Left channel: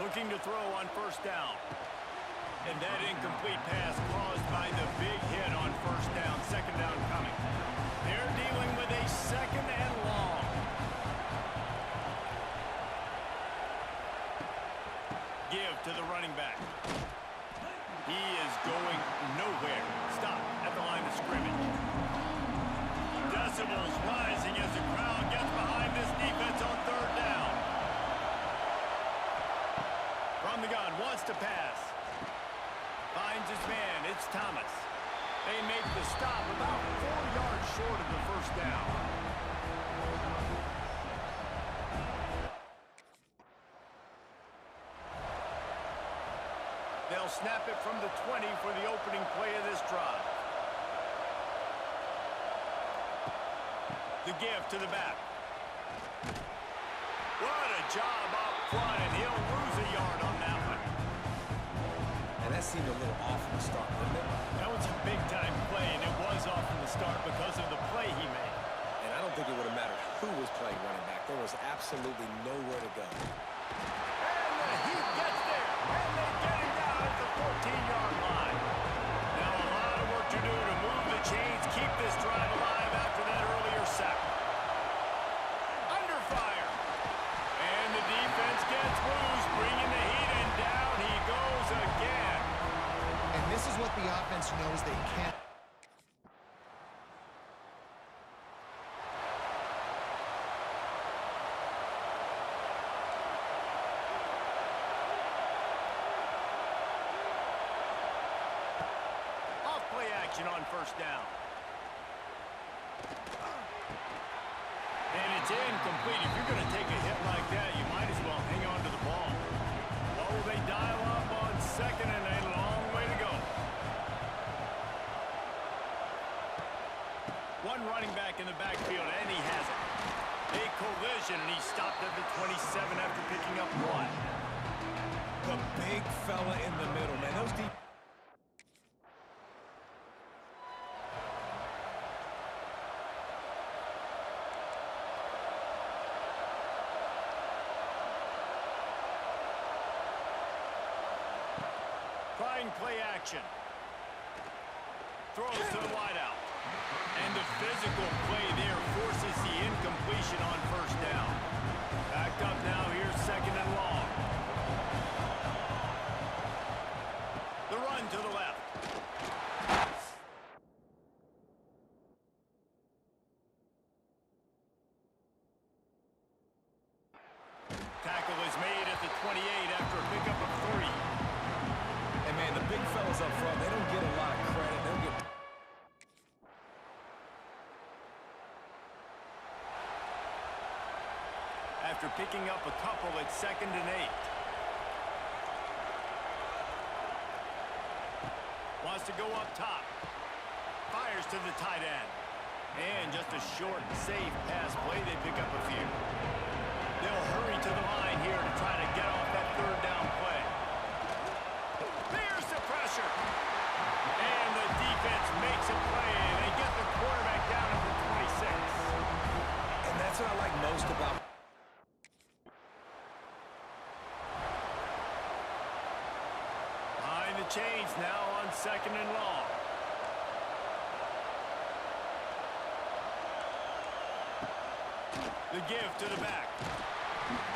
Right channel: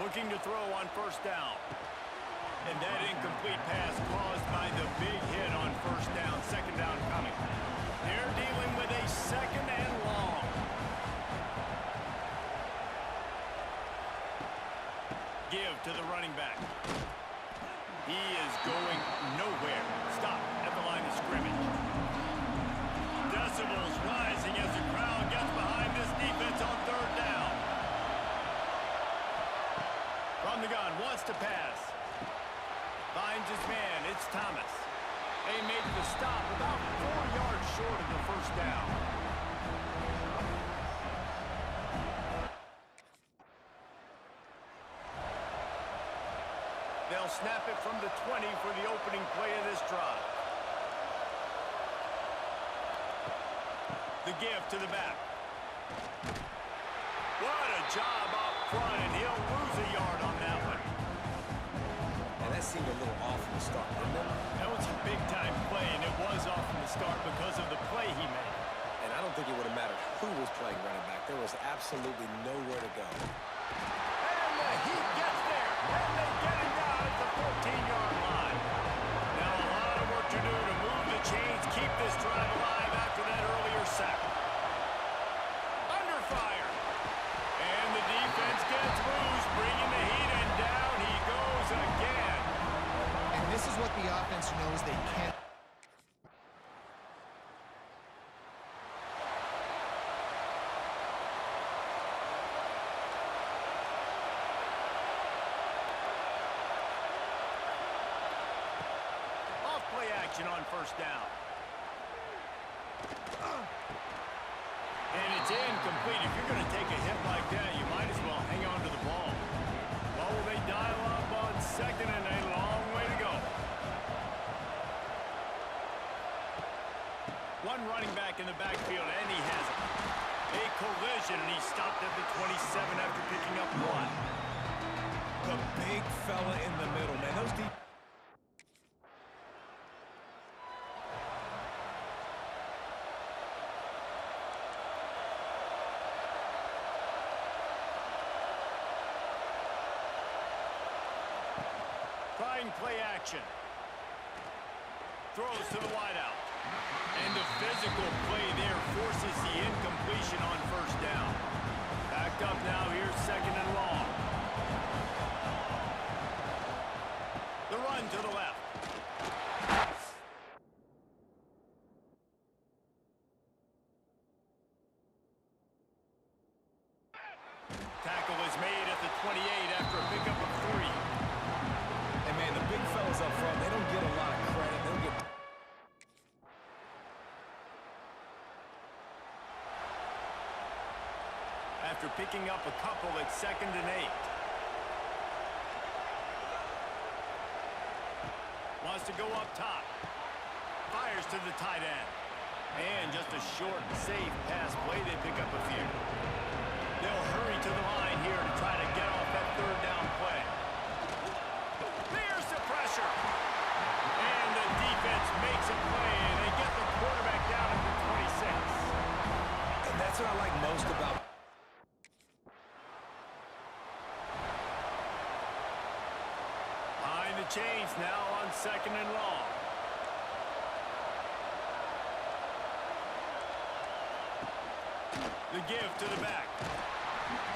Looking to throw on first down. And that incomplete pass caused by the big hit on first down. Second down coming. They're dealing with a second and long. Give to the running back. He is going nowhere. Stop at the line of scrimmage. Decibels rising as the crowd gets behind this defense on third down. From the gun, wants to pass. Finds his man, it's Thomas. They make the stop about 4 yards short of the first down. They'll snap it from the 20 for the opening play of this drive. The give to the back. What a job up front, and he'll lose a yard on that one. And that seemed a little off from the start, didn't it? That was a big-time play, and it was off from the start because of the play he made. And I don't think it would have mattered who was playing running back. There was absolutely nowhere to go. And the Heat gets there, and they get him down at the 14-yard line. Now a lot of work to do to move the chains, keep this drive alive after that earlier sack. Under fire. And the defense gets loose, bringing the Heat, and down he goes again. And this is what the offense knows they can't. Off play action on first down. And it's incomplete. If you're going to take a hit like that, you might as well hang on to the ball. What will they dial up on second, and a long way to go. One running back in the backfield, and he has it. A collision, and he stopped at the 27 after picking up one. The big fella in the middle, man. Those deep... Trying play action. Throws to the wideout. And the physical play there forces the incompletion on first down. Backed up now, here's second and long. The run to the left. Tackle is made at the 28 after a pickup of 3. And, man, the big fellas up front, they don't get a lot of credit. They don't get... After picking up a couple, it's second and 8. Wants to go up top. Fires to the tight end. And just a short, safe pass play. They pick up a few. They'll hurry to the line here to try to get off that third down play. There's the pressure. And the defense makes a play, and they get the quarterback down at the 26. And that's what I like most about... Behind the chains now on second and long. The give to the back.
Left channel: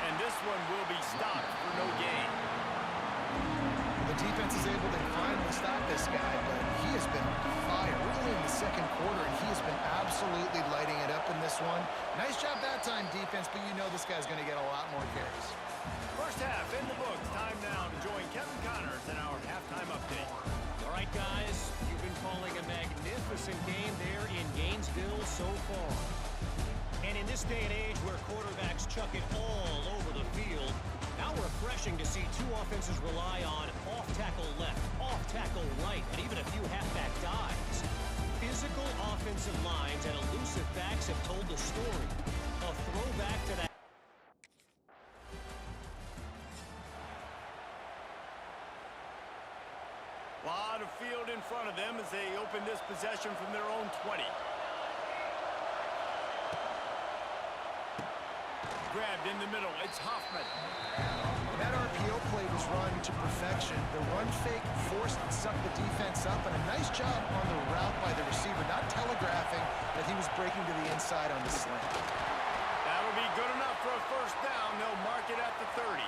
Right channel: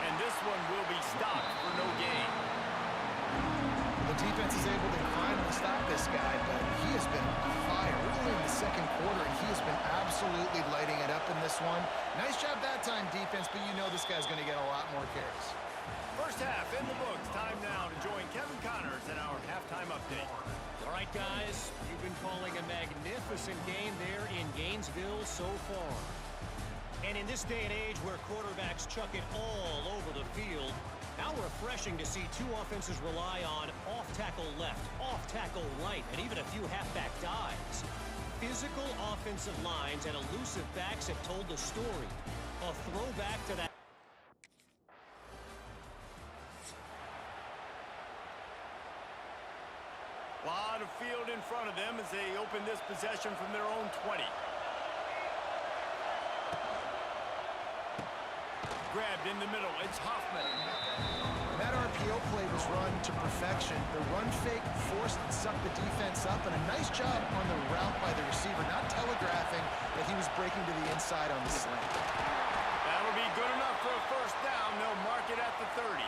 And this one will be stopped for no gain. The defense is able to finally stop this guy, but he has been on fire early in the second quarter, and he has been absolutely lighting it up in this one. Nice job that time, defense, but you know this guy's going to get a lot more carries. First half in the books. Time now to join Kevin Connors in our halftime update. All right, guys, you've been calling a magnificent game there in Gainesville so far. And in this day and age where quarterbacks chuck it all over the field, how refreshing to see two offenses rely on off-tackle left, off-tackle right, and even a few halfback dives. Physical offensive lines and elusive backs have told the story. A throwback to that. Lot of field in front of them as they open this possession from their own 20. Grabbed in the middle, it's Hoffman. And that RPO play was run to perfection. The run fake forced and sucked the defense up, and a nice job on the route by the receiver, not telegraphing that he was breaking to the inside on the slant. That'll be good enough for a first down. They'll mark it at the 30.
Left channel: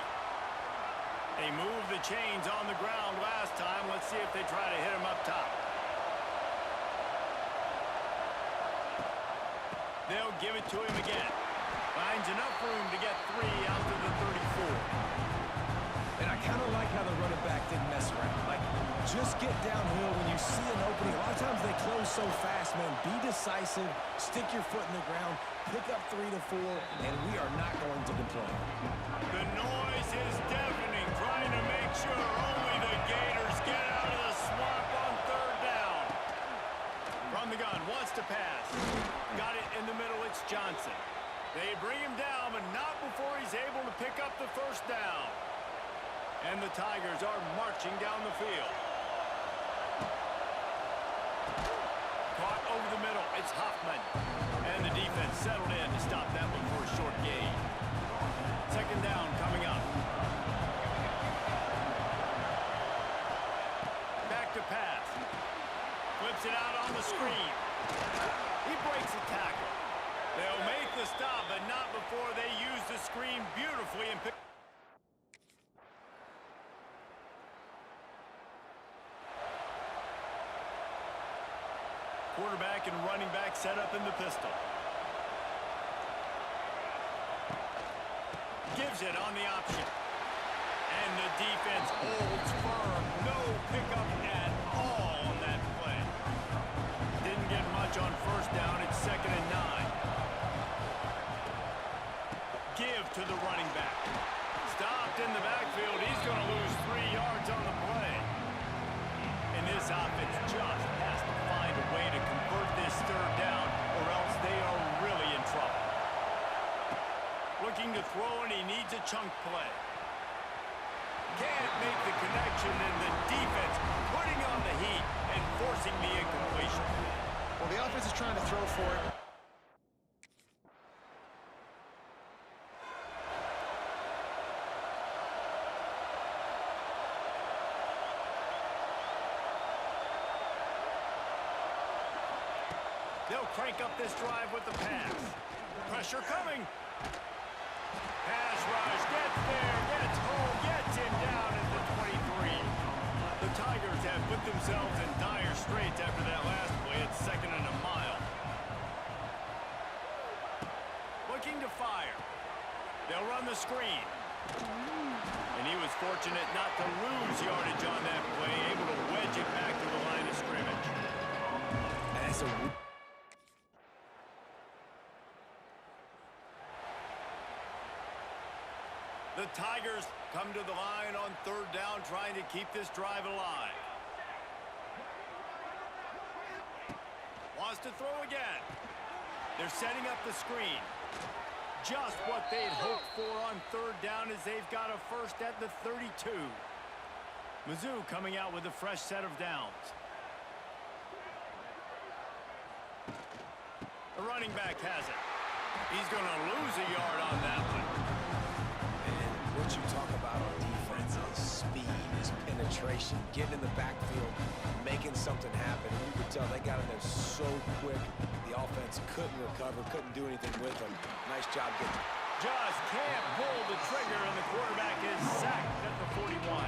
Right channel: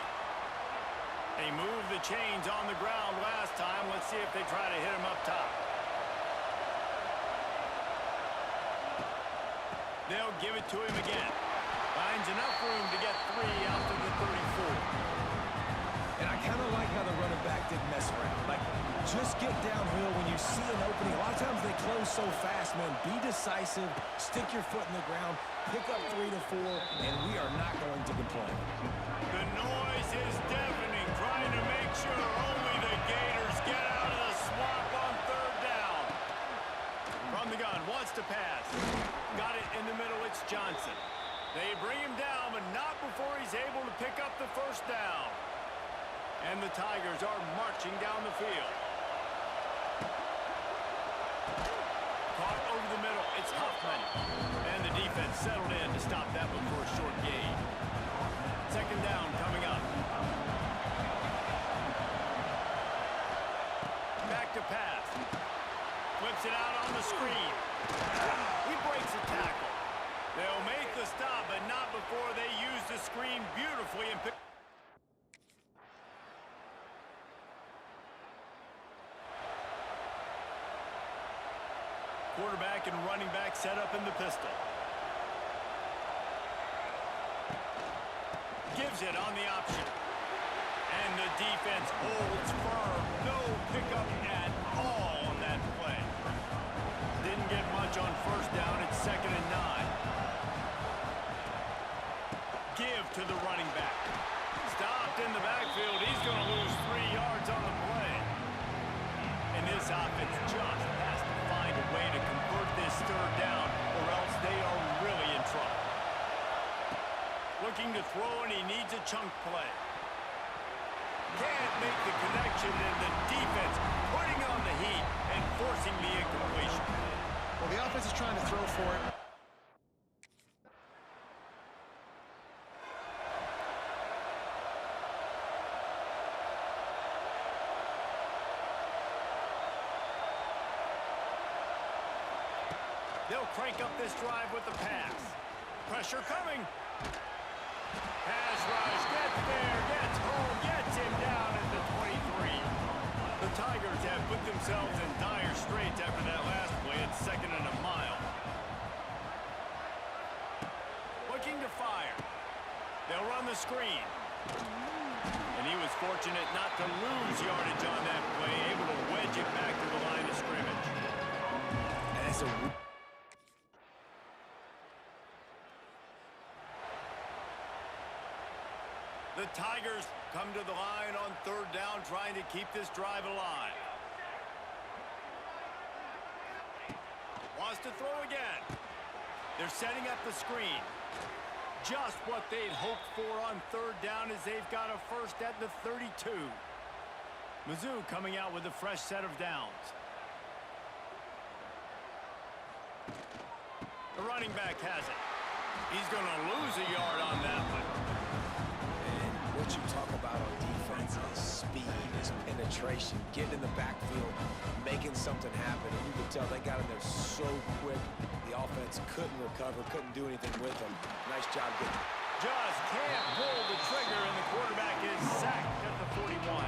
They moved the chains on the ground last time. Let's see if they try to hit him up top. They'll give it to him again. Finds enough room to get 3 out to the 34. And I kind of like how the running back didn't mess around. Like, just get downhill when you see an opening. A lot of times they close so fast, man. Be decisive, stick your foot in the ground, pick up 3 to 4, and we are not going to complain. The noise is deafening, trying to make sure only the Gators get out of the swamp on third down. From the gun, wants to pass. Got it in the middle, it's Johnson. They bring him down, but not before he's able to pick up the first down. And the Tigers are marching down the field. Caught over the middle, it's Huffman. And the defense settled in to stop that one for a short gain. Second down coming up. Back to pass. Flips it out on the screen. He breaks a tackle. They'll make the stop, but not before they use the screen beautifully and pick. Quarterback and running back set up in the pistol. Gives it on the option. And the defense holds firm. No pickup at all on that play. Didn't get much on first down. It's 2nd and 9. Give to the running back. Stopped in the backfield. He's going to lose 3 yards on the play. And this offense just has to find a way to convert this third down, or else they are really in trouble. Looking to throw, and he needs a chunk play. Can't make the connection, and the defense putting on the heat and forcing the incompletion. Well, the offense is trying to throw for it. They'll crank up this drive with the pass. Pressure coming. Pass rush, gets there, gets home, gets him down at the 23. The Tigers have put themselves in dire straits after that last play. It's 2nd and a mile. Looking to fire. They'll run the screen. And he was fortunate not to lose yardage on that play, able to wedge it back to the line of scrimmage. And that's a... The Tigers come to the line on third down, trying to keep this drive alive. Wants to throw again. They're setting up the screen. Just what they'd hoped for on third down, as they've got a first at the 32. Mizzou coming out with a fresh set of downs. The running back has it. He's going to lose a yard on that one. What you talk about on defense is speed, is penetration, getting in the backfield, making something happen. And you could tell they got in there so quick. The offense couldn't recover, couldn't do anything with them. Nice job getting. Just can't pull the trigger, and the quarterback is sacked at the 41.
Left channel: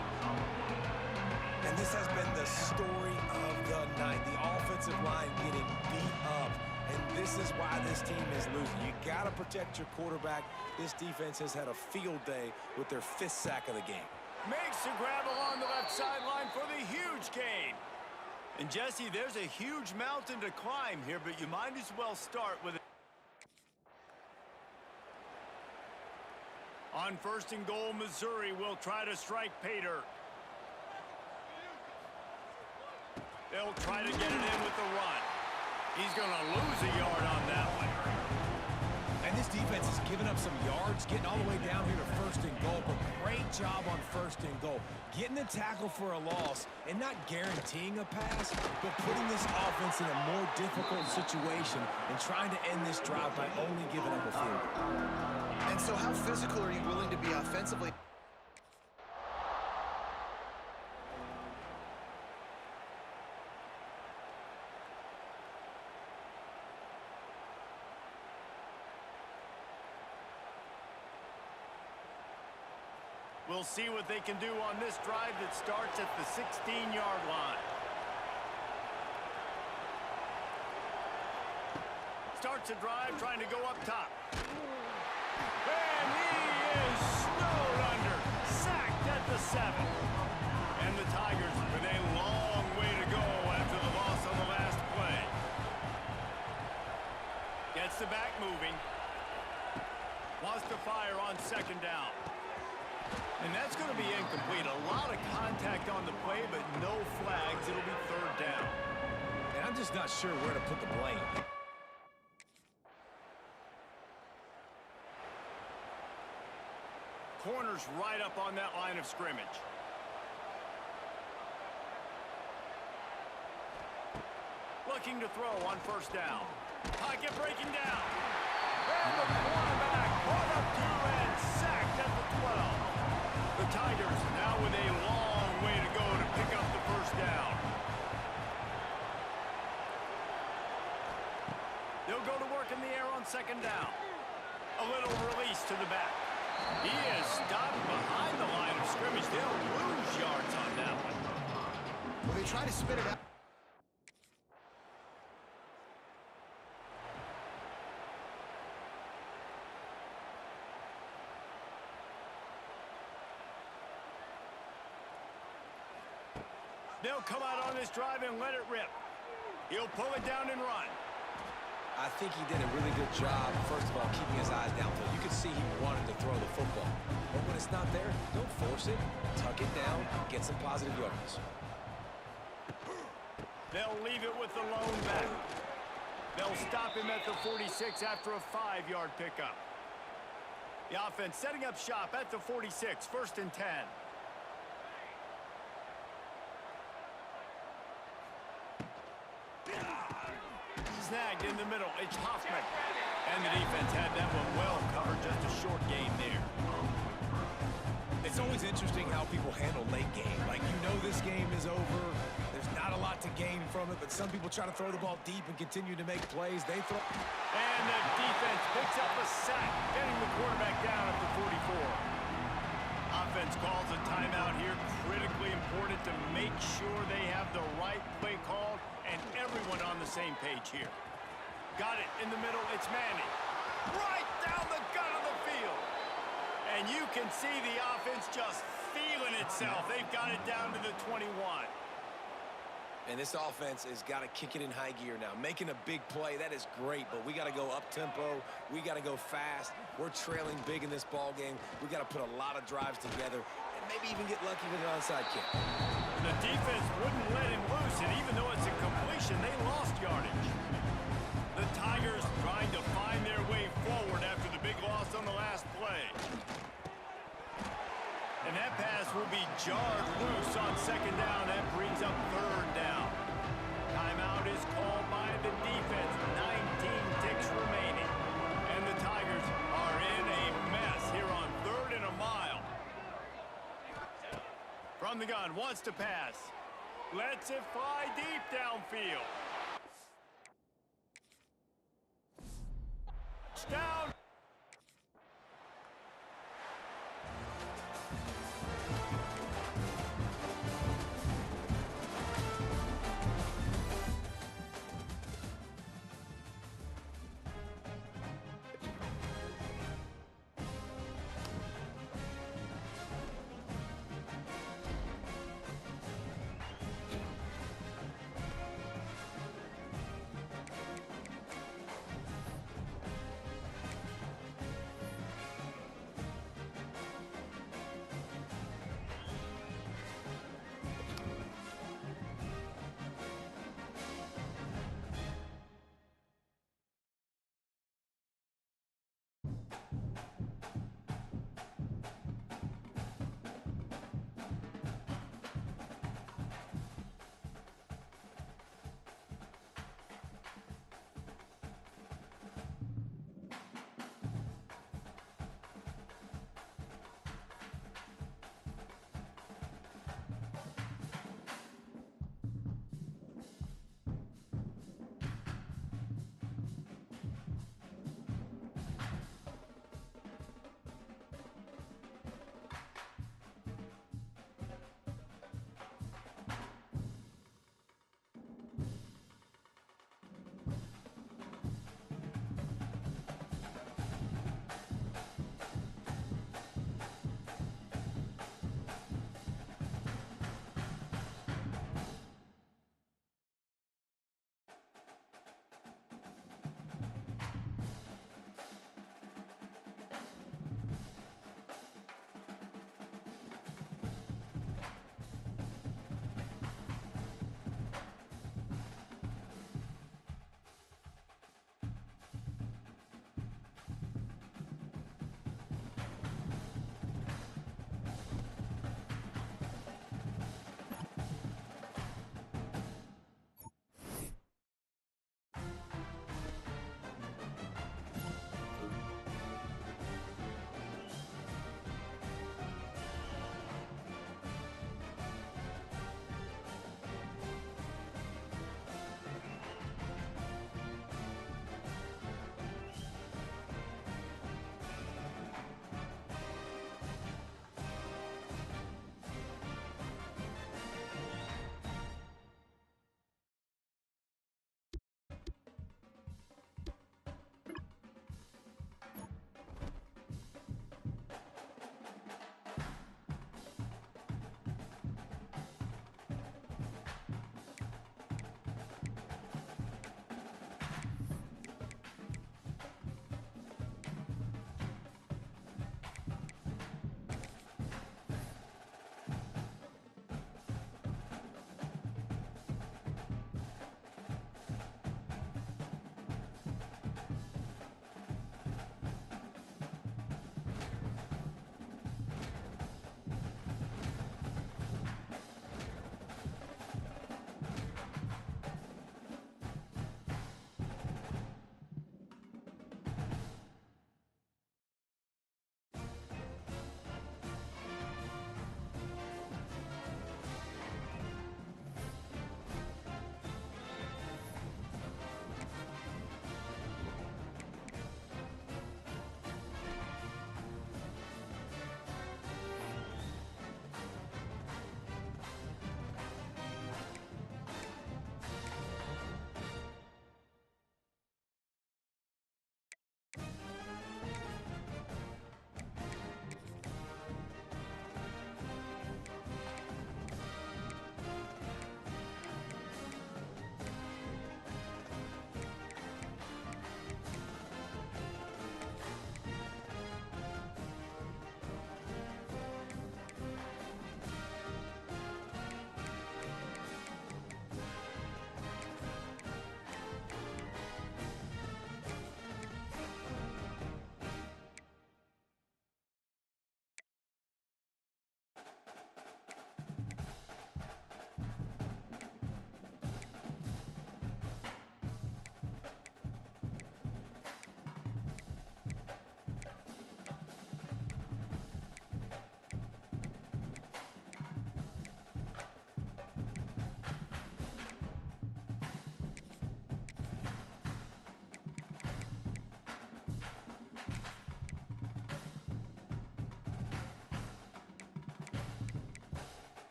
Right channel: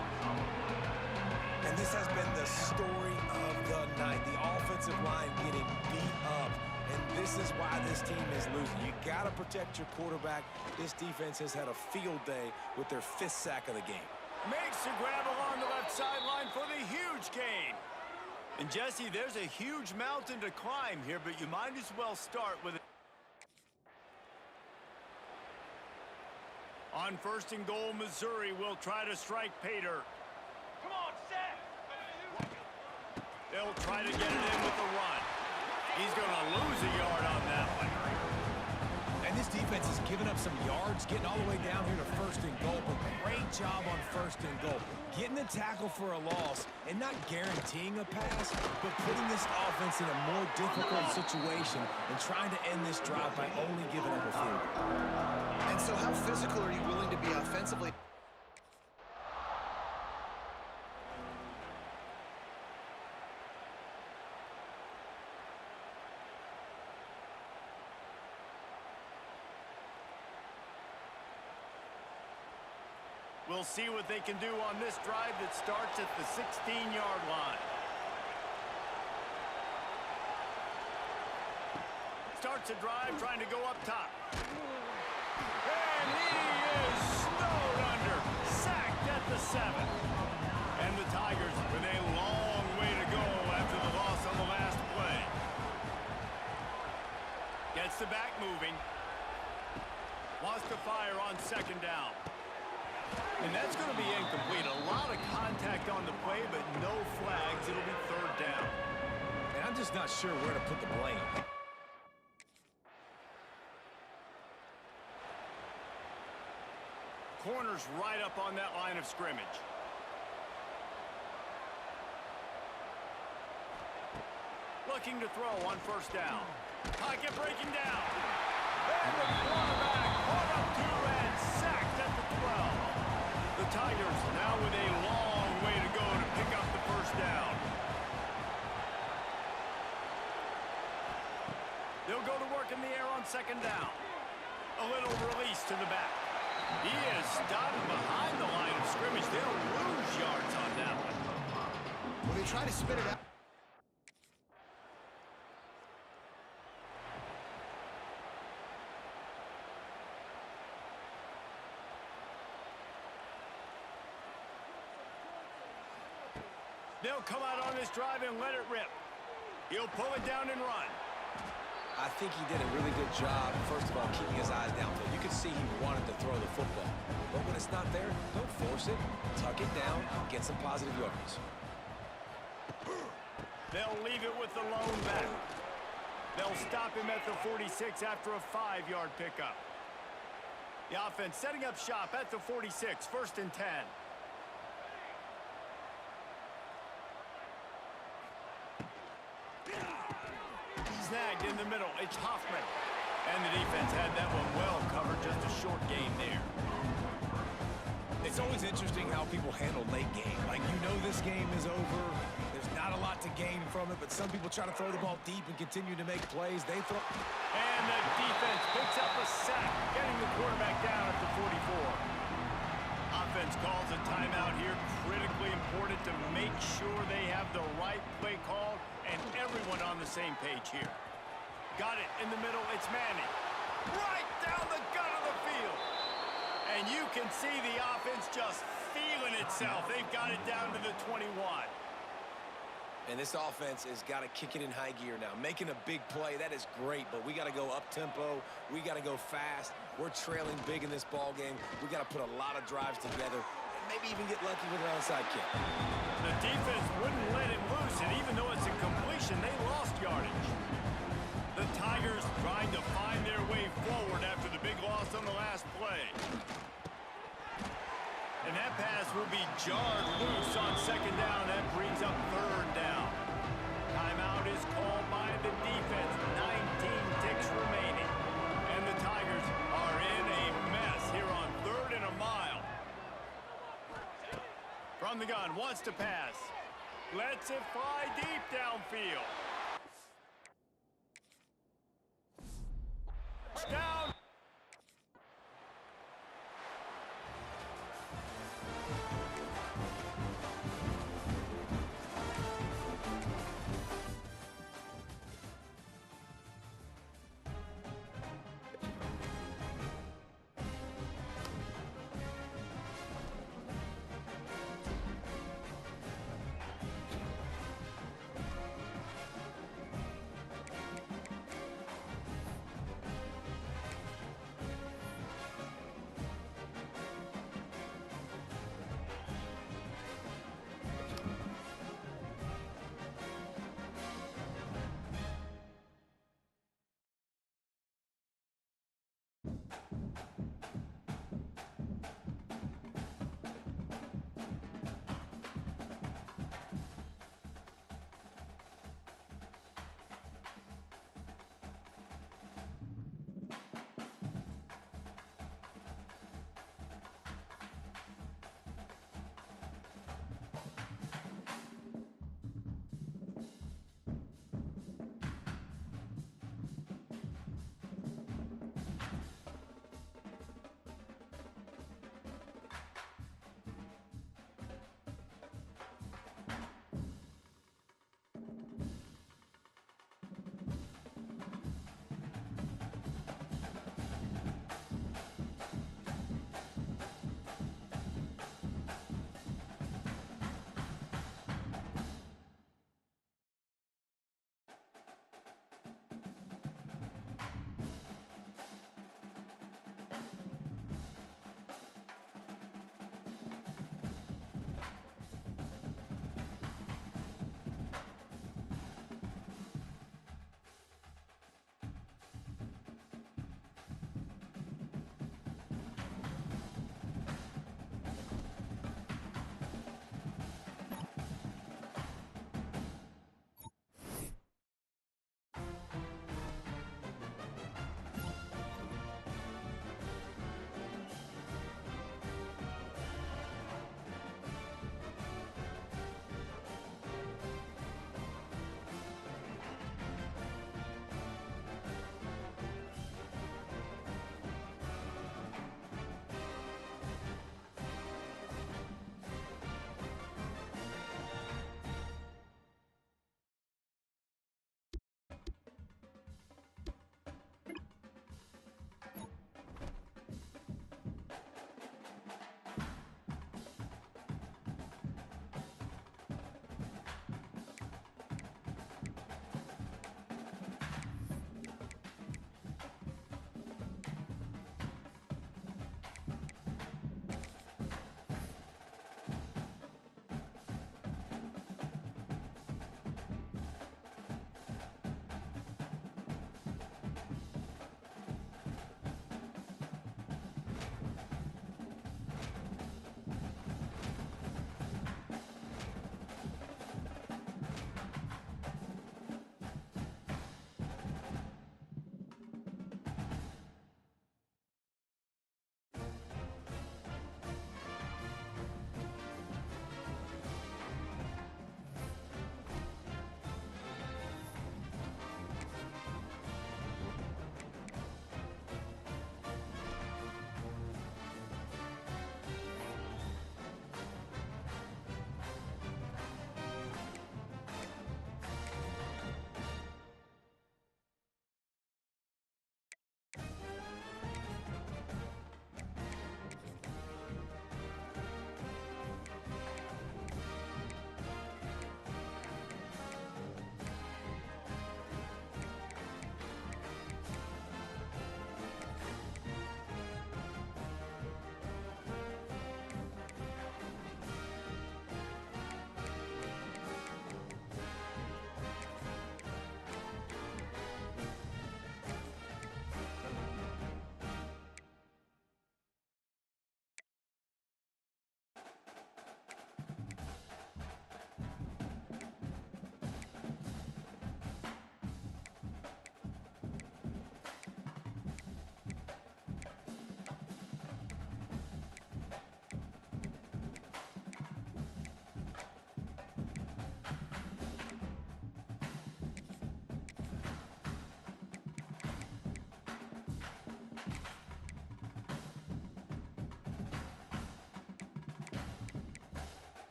And this has been the story of the night. The offensive line getting beat up. And this is why this team is losing. You got to protect your quarterback. This defense has had a field day with their 5th sack of the game. Makes the grab along the left sideline for the huge gain. And Jesse, there's a huge mountain to climb here, but you might as well start with it. On 1st and goal, Missouri will try to strike pay dirt. They'll try to get it in with the run. He's going to lose a yard on that one. And this defense has given up some yards, getting all the way down here to 1st and goal, but great job on 1st and goal. Getting the tackle for a loss and not guaranteeing a pass, but putting this offense in a more difficult situation and trying to end this drive by only giving up a field goal. And so how physical are you willing to be offensively? We'll see what they can do on this drive that starts at the 16-yard line. Starts a drive trying to go up top. And he is snowed under. Sacked at the 7. And the Tigers with a long way to go after the loss on the last play. Gets the back moving. Wants to fire on second down. And that's going to be incomplete. A lot of contact on the play, but no flags. It'll be third down. And I'm just not sure where to put the blame. Corner's right up on that line of scrimmage. Looking to throw on first down. Pocket breaking down. And the quarterback caught up 2 and sacked at the 12. The Tigers now with a long way to go to pick up the first down. They'll go to work in the air on second down. A little release to the back. He is stopped behind the line of scrimmage. They'll lose yards on that one. Well, they try to spit it out. They'll come out on this drive and let it rip. He'll pull it down and run. I think he did a really good job, first of all, keeping his eyes downfield. You could see he wanted to throw the football. But when it's not there, don't force it. Tuck it down, get some positive yards. They'll leave it with the lone back. They'll stop him at the 46 after a 5-yard pickup. The offense setting up shop at the 46, 1st and 10. Snagged in the middle. It's Hoffman. And the defense had that one well covered. Just a short game there. It's always interesting how people handle late game. Like, you know this game is over. There's not a lot to gain from it, but some people try to throw the ball deep and continue to make plays. They throw. And the defense picks up a sack, getting the quarterback down at the 44. Offense calls a timeout here. Critically important to make sure they have the right play called and everyone on the same page here. Got it in the middle. It's Manning. Right down the gut of the field. And you can see the offense just feeling itself. They've got it down to the 21. And this offense has got to kick it in high gear now. Making a big play, that is great, but we got to go up-tempo. We got to go fast. We're trailing big in this ball game. We got to put a lot of drives together and maybe even get lucky with an onside kick. The defense wouldn't let him loose, and even though it's a completion, they lost yardage. The Tigers trying to find their way forward after the big loss on the last play. And that pass will be jarred loose on second down. That brings up third down. Timeout is called by the defense. 19 ticks remaining. And the Tigers are in a mess here on 3rd and a mile. From the gun, wants to pass. Lets it fly deep downfield. Down.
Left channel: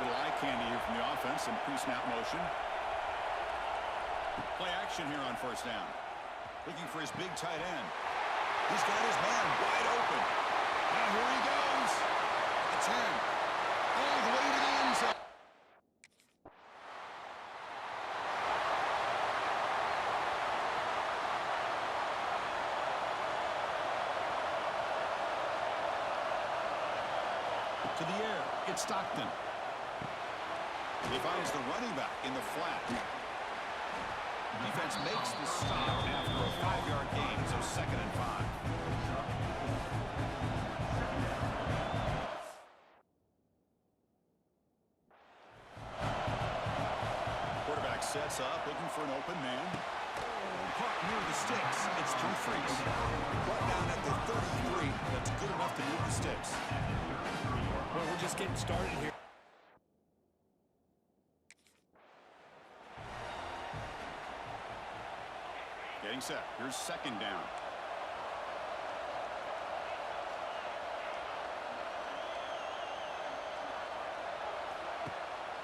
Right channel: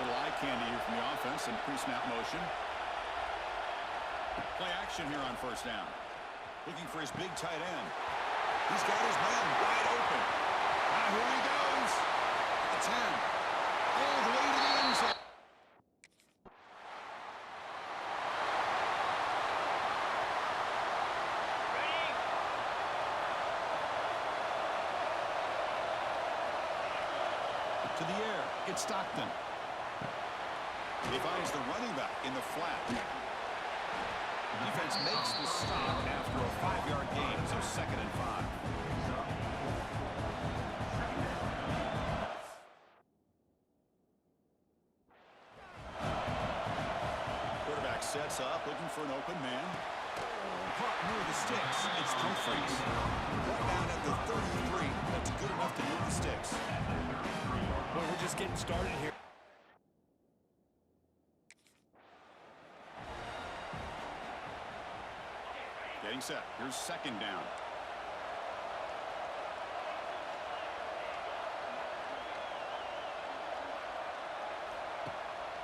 Little eye candy here from the offense and pre-snap motion. Play action here on first down. Looking for his big tight end. He's got his man wide open. Now here he goes. At the 10. All the way to the end zone. To the air. It's Stockton. He finds the running back in the flat. Defense makes the stop after a 5-yard gain, so 2nd and 5. Quarterback sets up, looking for an open man. Caught near the sticks. It's Humphries. Brought down at the 33. That's good enough to move the sticks. Well, we're just getting started here. Getting set. Here's 2nd down.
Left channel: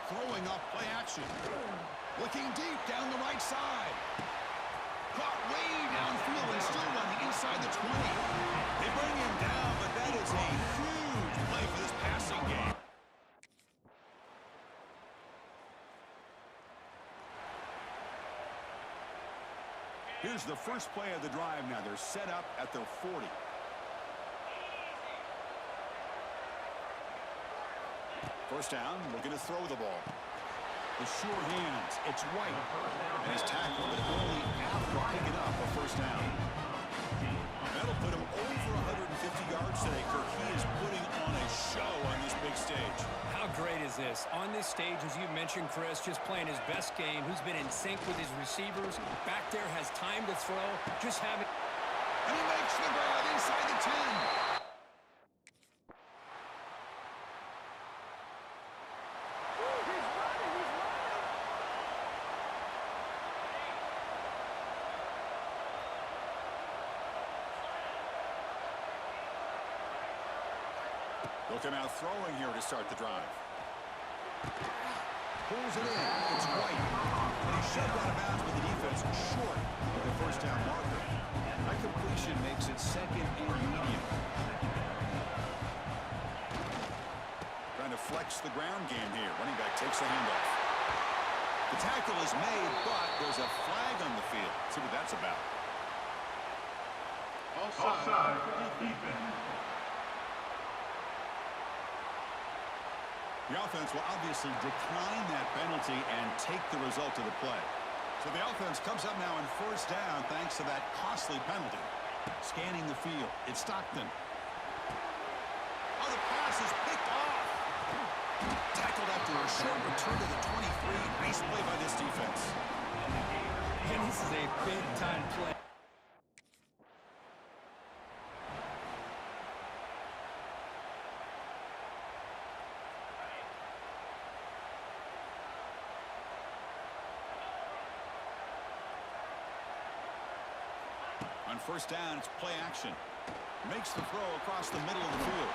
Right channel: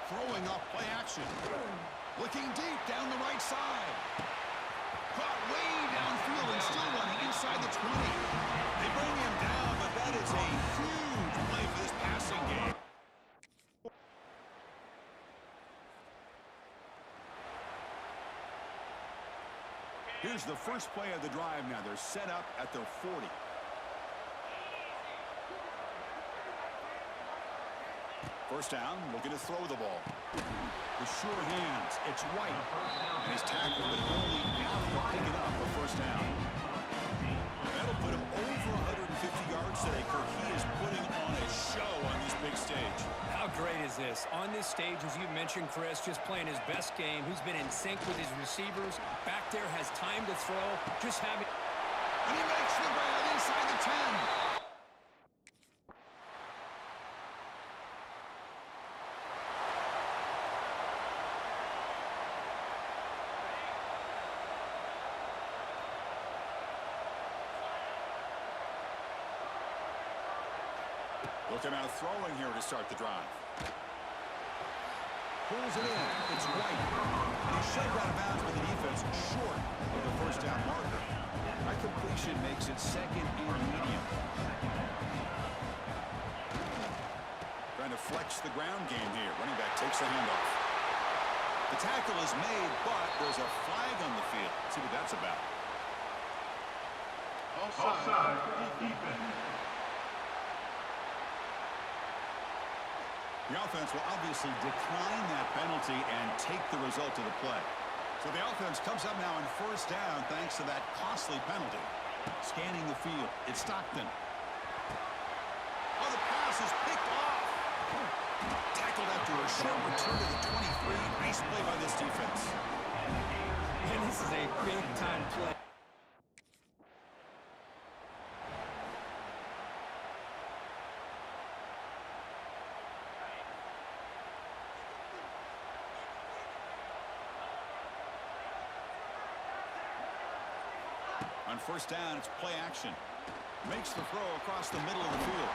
Throwing off play action. Looking deep down the right side. Caught way downfield and still running inside the 20. They bring him down, but that is a huge play for this passing game. Here's the first play of the drive now. They're set up at their 40. First down, looking to throw the ball. The sure hands, it's White. And he's tackled, but only after picking up a first down. That'll put him over 150 yards today, Kirk. He is putting on a show on this big stage. How great is this? On this stage, as you mentioned, Chris, just playing his best game, who's been in sync with his receivers. Back there, has time to throw. Just having... And he makes the grab inside the 10. They'll come out throwing here to start the drive. Pulls it in. It's White. And he's shoved out of bounds with the defense short of the first down marker. That completion makes it 2nd and medium. Trying to flex the ground game here. Running back takes the handoff. The tackle is made, but there's a flag on the field. Let's see what that's about. Offside. Defense. The offense will obviously decline that penalty and take the result of the play. So the offense comes up now on first down thanks to that costly penalty. Scanning the field, it's Stockton. Oh, the pass is picked off. Tackled after a short return to the 23. Nice play by this defense. And this is a big-time play. On first down, it's play action. Makes the throw across the middle of the field.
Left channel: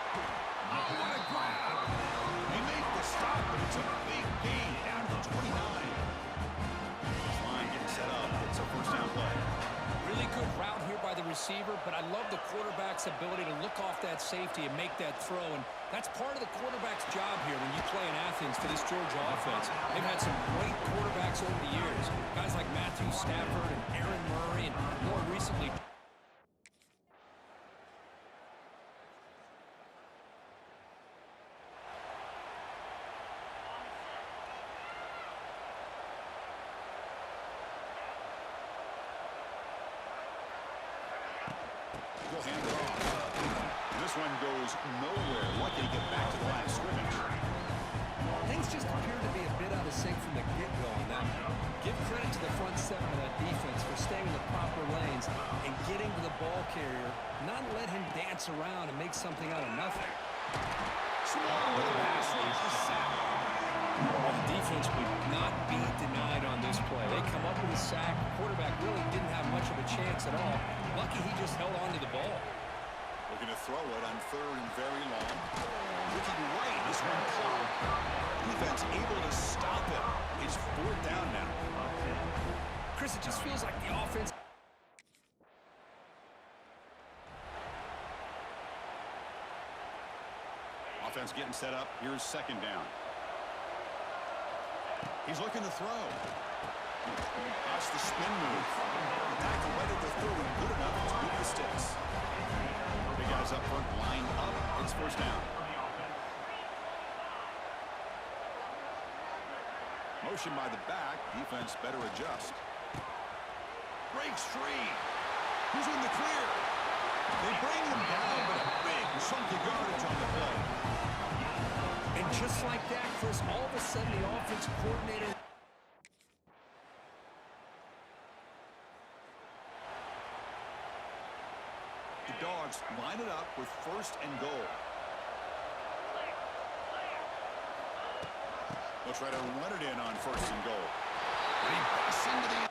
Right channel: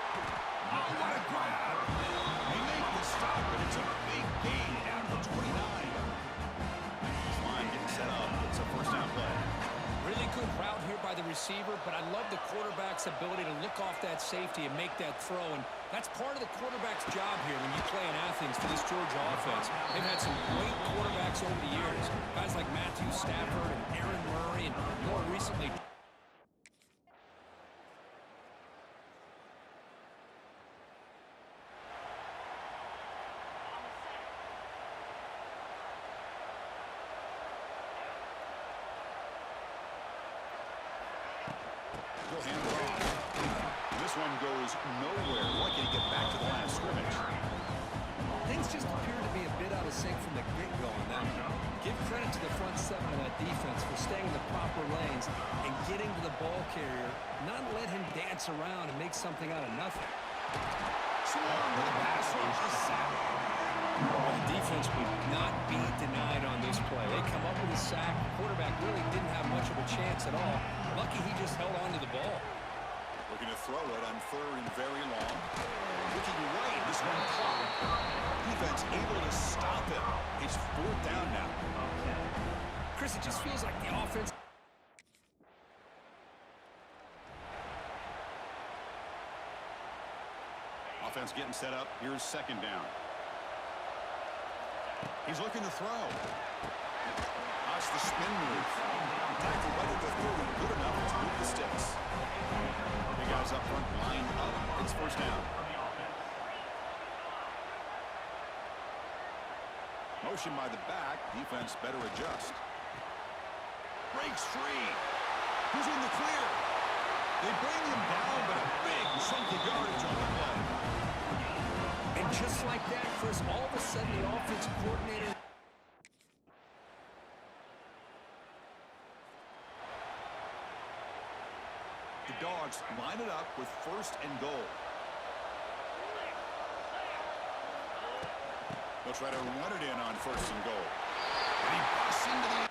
Oh, what a grab! They make the stop, but it's a big gain down to the 29. This line getting set up. It's a first down play. Really good route here by the receiver, but I love the quarterback's ability to look off that safety and make that throw. And that's part of the quarterback's job here when you play in Athens for this Georgia offense. They've had some great quarterbacks over the years. Guys like Matthew Stafford and Aaron Murray, and more recently... He'll hand it off. This one goes nowhere. Lucky to get back to the line of scrimmage. Things just appear to be a bit out of sync from the get-go on that. Give credit to the front seven of that defense for staying in the proper lanes and getting to the ball carrier, not let him dance around and make something out of nothing. Swarm with a pass rush, a sack. Well, the defense would not be denied on this play. They come up with a sack. The quarterback really didn't have much of a chance at all. Lucky he just held on to the ball. Looking to throw it on 3rd and very long. Looking right, this one caught. defense able to stop him. It's 4th down now. Chris, it just feels like the offense... Offense getting set up. Here's 2nd down. He's looking to throw. That's the spin move. The tackle right at the 30, good enough to move the sticks. Big guys up front, lined up. It's 1st down. Motion by the back. Defense better adjust. Breaks free. Who's in the clear? They bring him down, but a big chunk of yardage on the play. And just like that, Chris, all of a sudden the offensive coordinator... The Dogs line it up with 1st and goal. They'll try to run it in on 1st and goal. And he busts into the...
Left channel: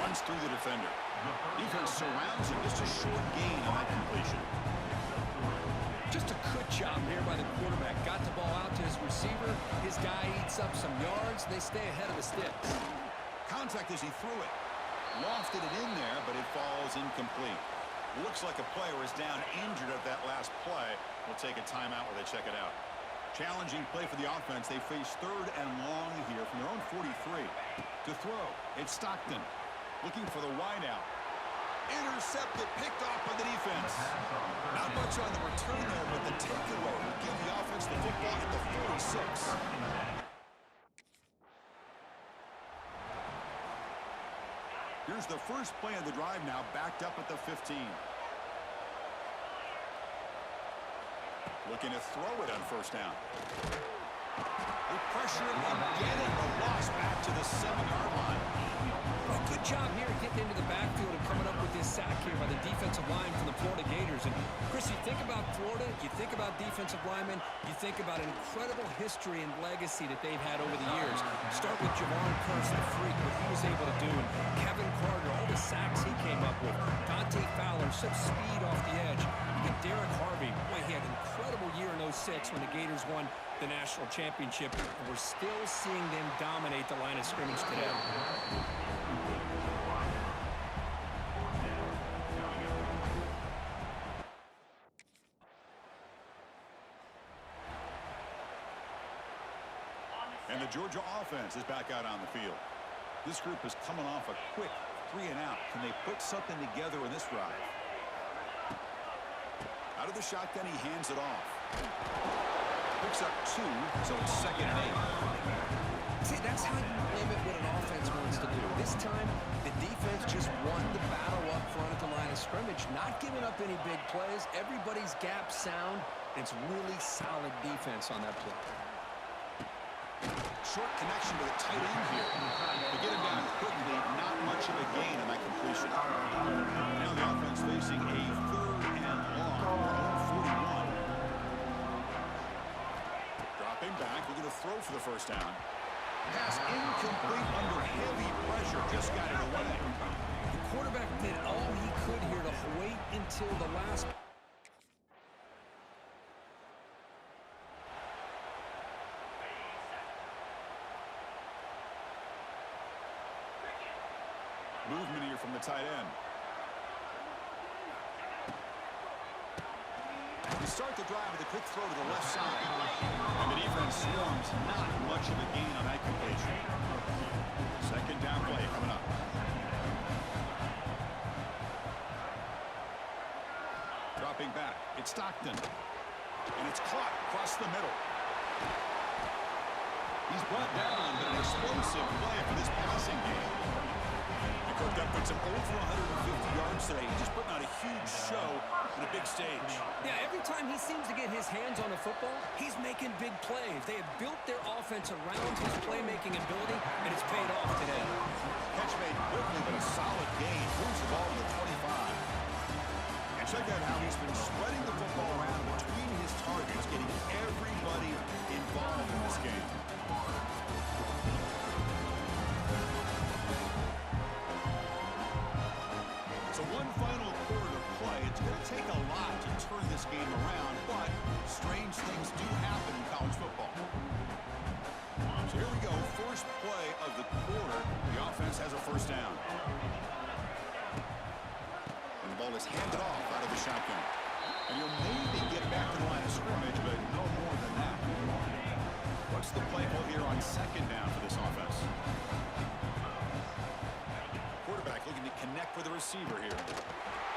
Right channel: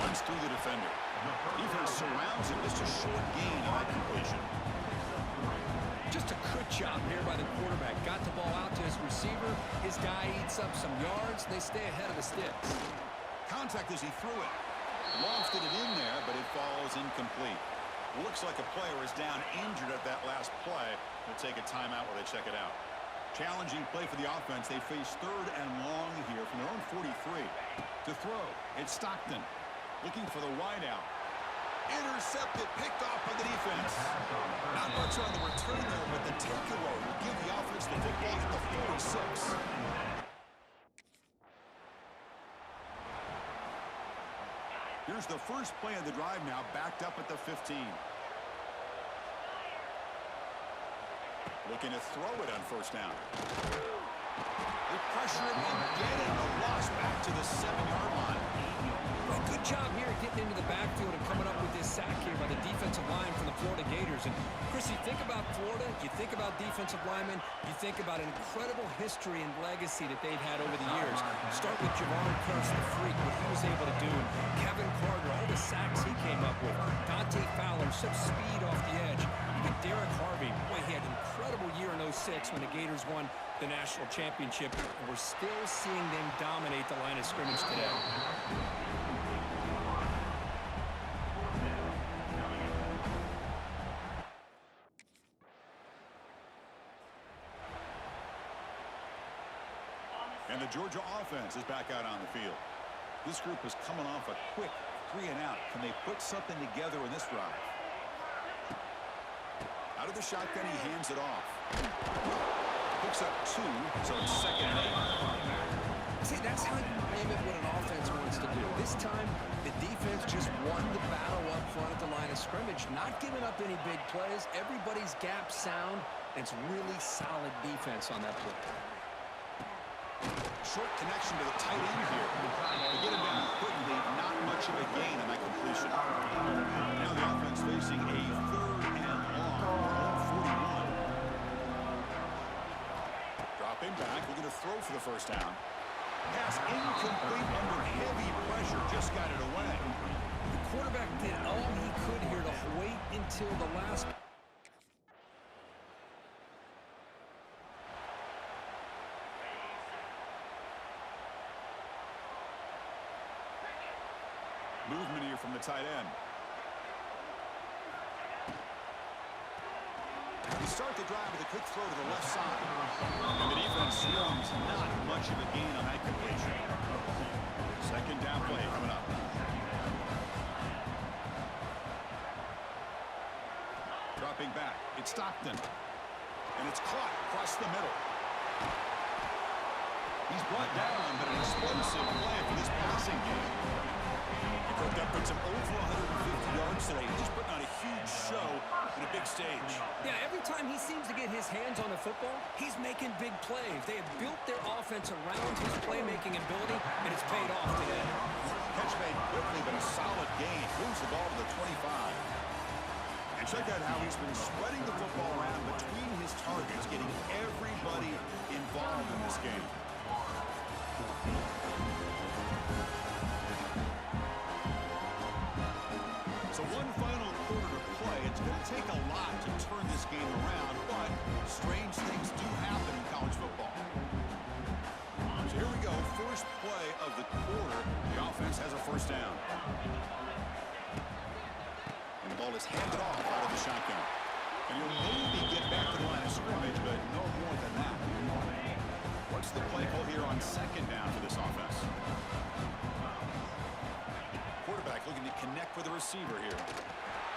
Runs through the defender. Defense surrounds him. Just a short gain on that completion. Just a good job here by the quarterback. Got the ball out to his receiver. His guy eats up some yards. They stay ahead of the sticks. Contact as he threw it. Lofted it in there, but it falls incomplete. Looks like a player is down injured at that last play. We'll take a timeout while they check it out. Challenging play for the offense. They face 3rd and long here from their own 43. To throw, it's Stockton. Looking for the wideout. Intercepted, picked off by the defense. Not much on the return there, but the takeaway will give the offense the football at the 46. Here's the first play of the drive now, backed up at the 15. Looking to throw it on 1st down. They pressure him and get it. The loss back to the 7-yard line. Well, good job here getting into the backfield and coming up with this sack here by the defensive line from the Florida Gators. And, Chris, you think about Florida, you think about defensive linemen, you think about an incredible history and legacy that they've had over the years. Start with Javon Kearse, the freak, what he was able to do. And Kevin Carter, all the sacks he came up with. Dante Fowler, some speed off the edge. Even Derek Harvey, boy, he had an incredible year in 06 when the Gators won the national championship. And we're still seeing them dominate the line of scrimmage today. And the Georgia offense is back out on the field. This group is coming off a quick 3-and-out. Can they put something together in this drive? Out of the shotgun, he hands it off. Picks up 2, so it's 2nd and 8. See, that's how you limit what an offense wants to do. This time, the defense just won the battle up front at the line of scrimmage, not giving up any big plays. Everybody's gap sound. It's really solid defense on that play. Short connection to the tight end here. They get him down quickly, not much of a gain on that completion. Now the offense facing a 3rd and long from their own 41. Dropping back, looking to throw for the 1st down. Pass incomplete under heavy pressure, just got it away. The quarterback did all he could here to wait until the last... Movement here from the tight end. You start the drive with a quick throw to the left side. And the defense swarms, not much of a gain on that completion. 2nd down play coming up. Dropping back, it's Stockton. And it's caught across the middle. He's brought down, but an explosive play for this passing game. Cooked up with some over 150 yards today. He's just putting on a huge show on a big stage. Yeah, every time he seems to get his hands on the football, he's making big plays. They have built their offense around his playmaking ability, and it's paid off today. Catch made quickly, but a solid gain. Moves the ball to the 25. And check out how he's been spreading the football around between his targets, getting everybody involved in this game. So one final quarter to play. It's going to take a lot to turn this game around, but strange things do happen in college football. So here we go, first play of the quarter. The offense has a first down. And the ball is handed off out of the shotgun. And you'll maybe get back to the line of scrimmage, but no more than that. What's the play call here on second down for this offense? Quarterback looking to connect with the receiver here.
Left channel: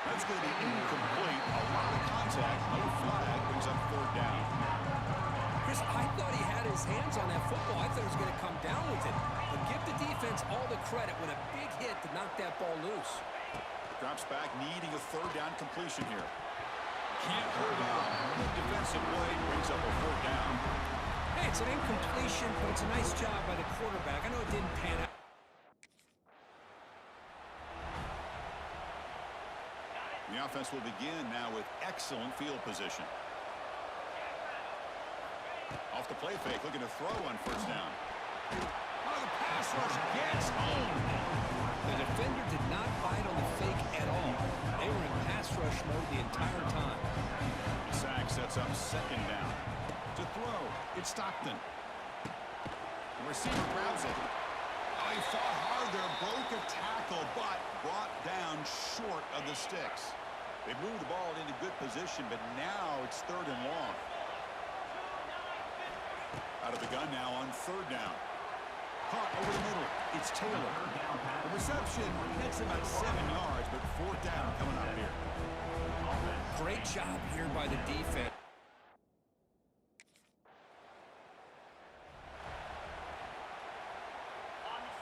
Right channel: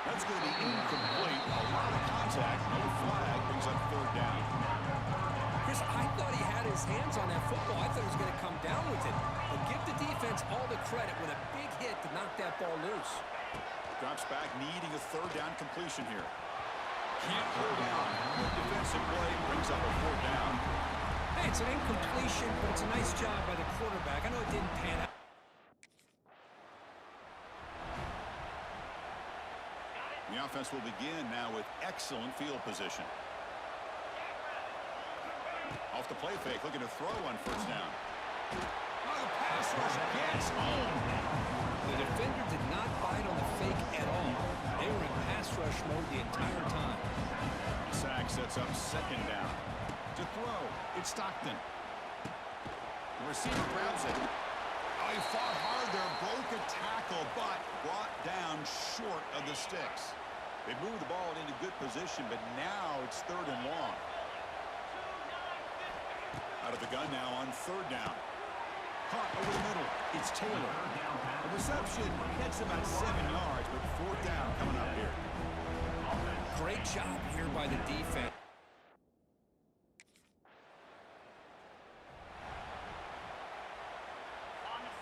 That's going to be incomplete. A lot of contact, no flag, brings up third down. Chris, I thought he had his hands on that football. I thought he was going to come down with it. But give the defense all the credit with a big hit to knock that ball loose. Drops back, needing a third down completion here. Can't hold on. Good defensive play, brings up a fourth down. Hey, it's an incompletion, but it's a nice job by the quarterback. I know it didn't pan out. The offense will begin now with excellent field position. Off the play fake, looking to throw on first down. Oh, the pass rush gets home. The defender did not bite on the fake at all. They were in pass rush mode the entire time. The sack sets up second down. To throw, it's Stockton. The receiver grabs it. Oh, he fought hard there, broke a tackle, but brought down short of the sticks. They moved the ball into good position, but now it's third and long. Out of the gun now on third down. Caught over the middle. It's Taylor. The reception, that's about 7 yards, but fourth down coming up here. Great job here by the defense.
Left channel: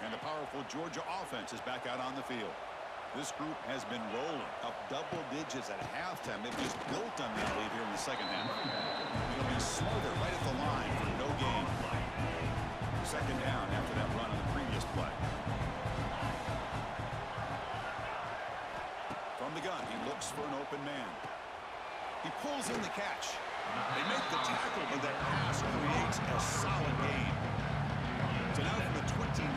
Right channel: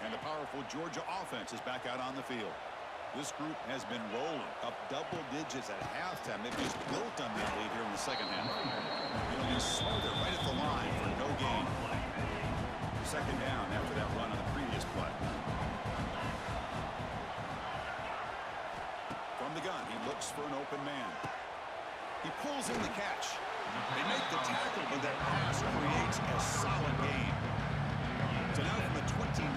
And the powerful Georgia offense is back out on the field. This group has been rolling up double digits at halftime. They've just built on that lead here in the second half. It'll be Smother right at the line for no gain. Second down after that run on the previous play. From the gun, he looks for an open man. He pulls in the catch. They make the tackle, but that pass creates a solid gain. So now from the 29,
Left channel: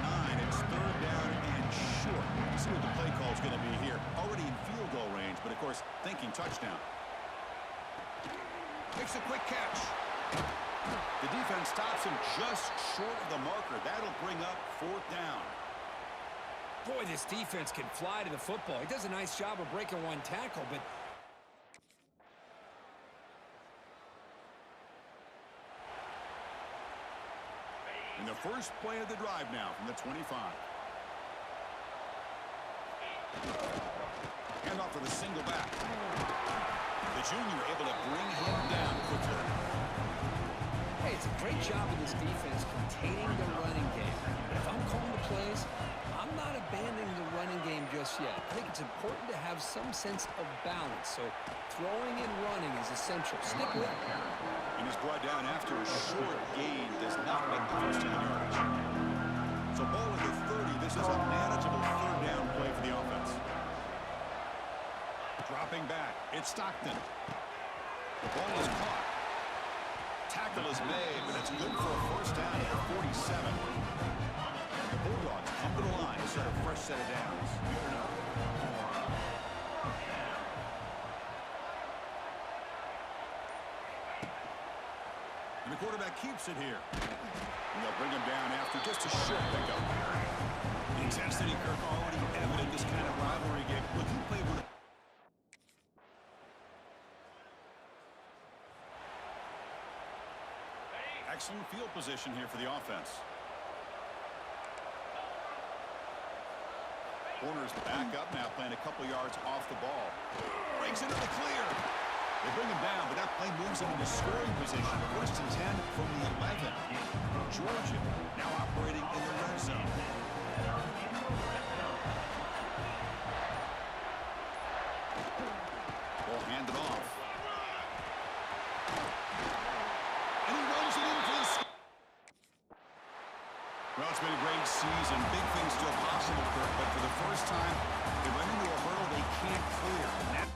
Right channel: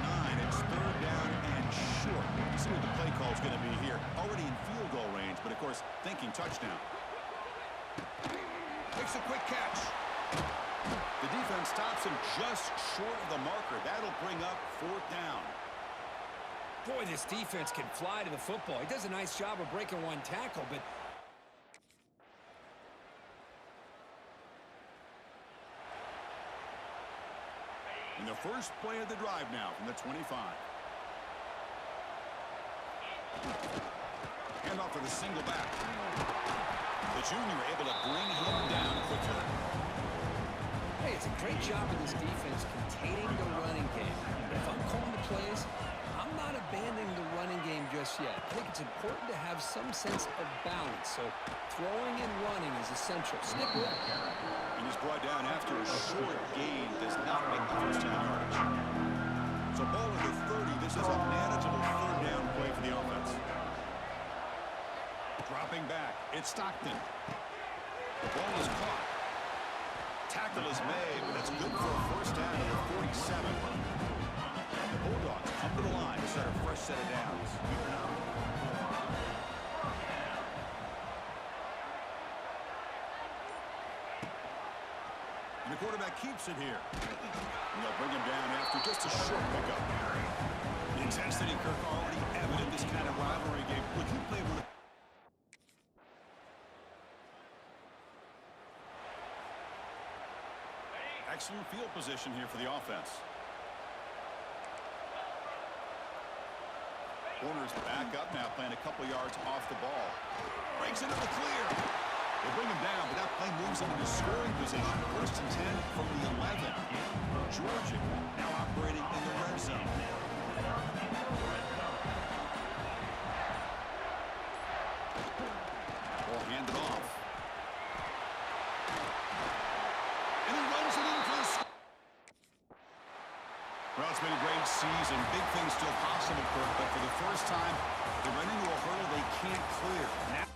it's third down and short. Let's see what the play call is going to be here. Already in field goal range, but of course, thinking touchdown. Makes a quick catch. The defense stops him just short of the marker. That'll bring up fourth down. Boy, this defense can fly to the football. He does a nice job of breaking one tackle, but in the first play of the drive now from the 25. Hand off for the single back. The junior able to bring him down quickly. hey, it's a great job of this defense containing the running game. But if I'm calling the plays, I'm not abandoning the running game just yet. I think it's important to have some sense of balance. So throwing and running is essential. Stick with it. And he's brought down after a short gain. Does not make the first down yardage. So ball at the 30. This is a manageable third down play for the offense. Dropping back. It's Stockton. The ball is caught. Tackle is made, but it's good for a first down at the 47. The Bulldogs come to the line to start a fresh set of downs. And the quarterback keeps it here. And they'll bring him down after just a short pickup. The intensity, Kirk, already evident this kind of rivalry game. Look, you play one of excellent field position here for the offense. Corners back up now, playing a couple yards off the ball. Breaks into the clear. They bring him down, but that play moves him into scoring position. First and 10 from the 11. Georgia now operating in the red zone. Ball handed off. And he runs it in for the score. Well, it's been a great season. Big things still possible, Kirk, but for the first time, they run into a hurdle they can't clear. Now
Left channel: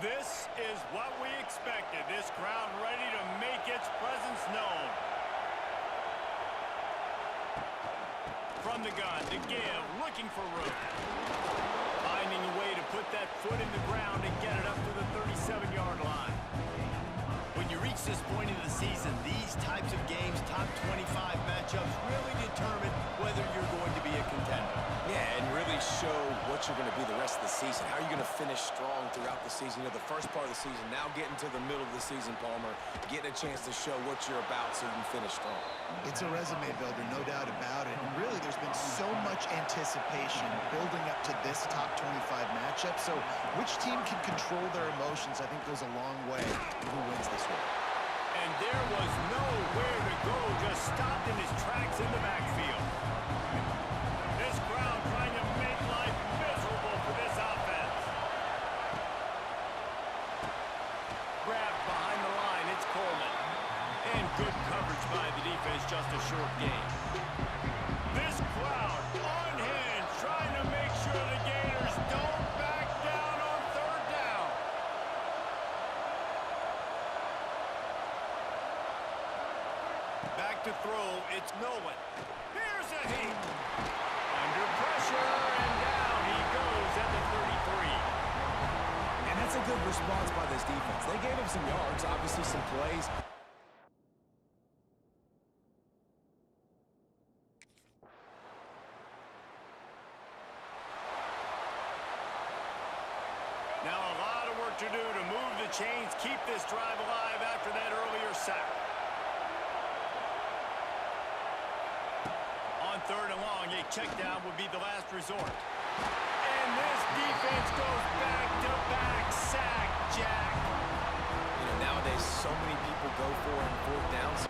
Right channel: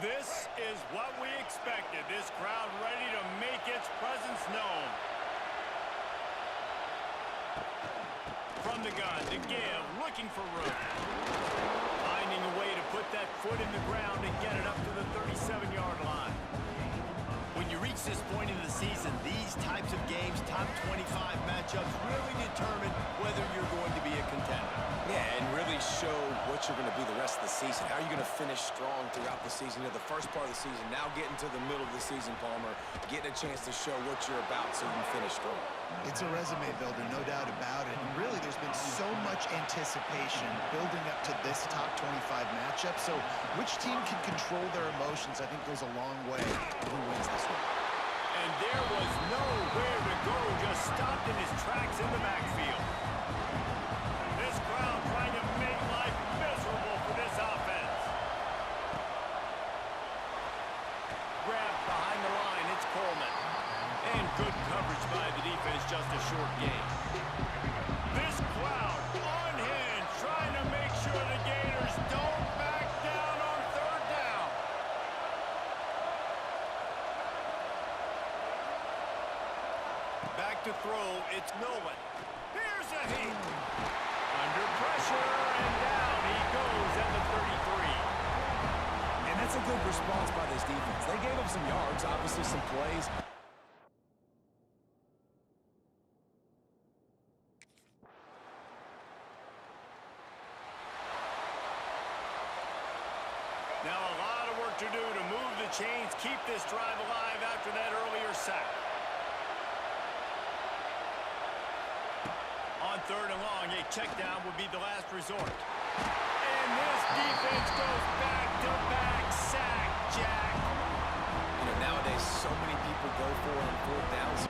This is what we expected. This crowd ready to make its presence known. From the gun, to give, looking for room. Finding a way to put that foot in the ground and get it up to the 37-yard line. When you reach this point in the season, these types of games, top 25 matchups, really determine whether you're going to be a contender. Yeah, and really show what you're going to be the rest of the season. How are you going to finish strong throughout the season? You know, the first part of the season, now getting to the middle of the season, Palmer, getting a chance to show what you're about so you can finish strong. It's a resume builder, no doubt about it. And really, there's been so much anticipation building up to this top 25 matchup. So which team can control their emotions, I think, goes a long way to who wins this one. And there was nowhere to go, just stopped in his tracks in the backfield. This crowd trying to make life miserable for this offense. Grabbed behind the line, it's Coleman. And good coverage by the defense, just a short gain. This crowd unhinged, trying to make sure the Gators don't back down on third down. Back to throw, it's Nolan. Here's a heat. Under pressure, and down he goes at the 33. And that's a good response by this defense. They gave up some yards, obviously some plays. Now a lot of work to do to move the chains, keep this drive alive after that earlier sack. On third and long, a check down would be the last resort. And this defense goes back-to-back sack, Jack. You know, nowadays, so many people go for it on fourth downs.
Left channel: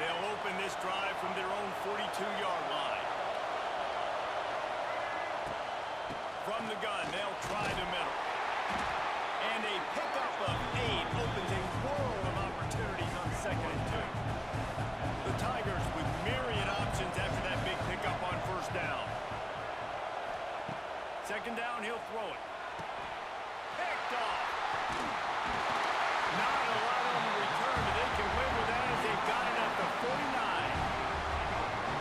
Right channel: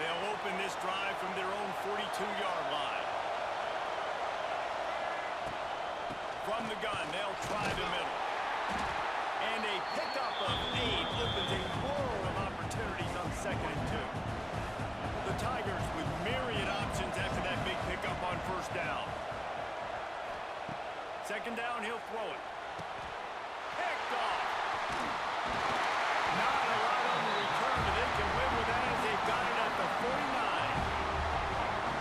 They'll open this drive from their own 42-yard line. From the gun, they'll try the middle. And a pickup of 8 opens a world of opportunities on 2nd and 2. The Tigers with myriad options after that big pickup on first down. 2nd down, he'll throw it. Picked off. Not a lot on the return, but they can live with that as they've got it at the 49.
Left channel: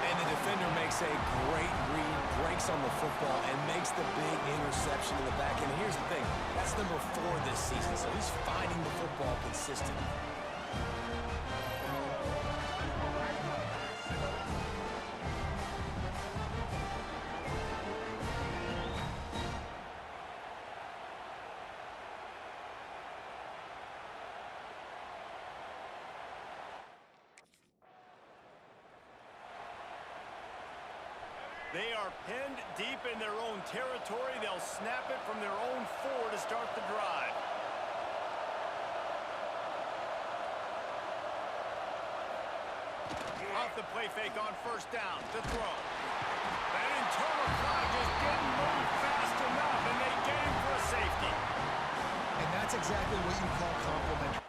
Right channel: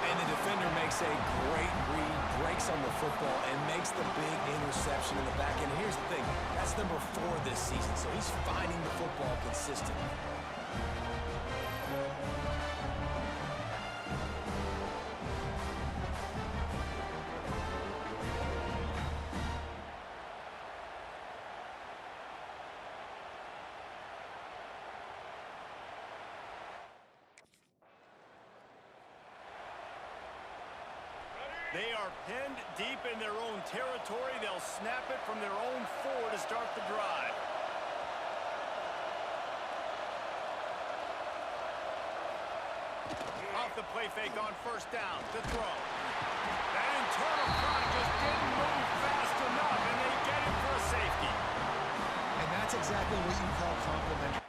And the defender makes a great read, breaks on the football, and makes the big interception in the back end. And here's the thing, that's number 4 this season, so he's finding the football consistently. They are pinned deep in their own territory. They'll snap it from their own 4 to start the drive. Off the play fake on first down to throw. That internal clock just didn't move fast enough, and they get him for a safety. And that's exactly what you call complimentary.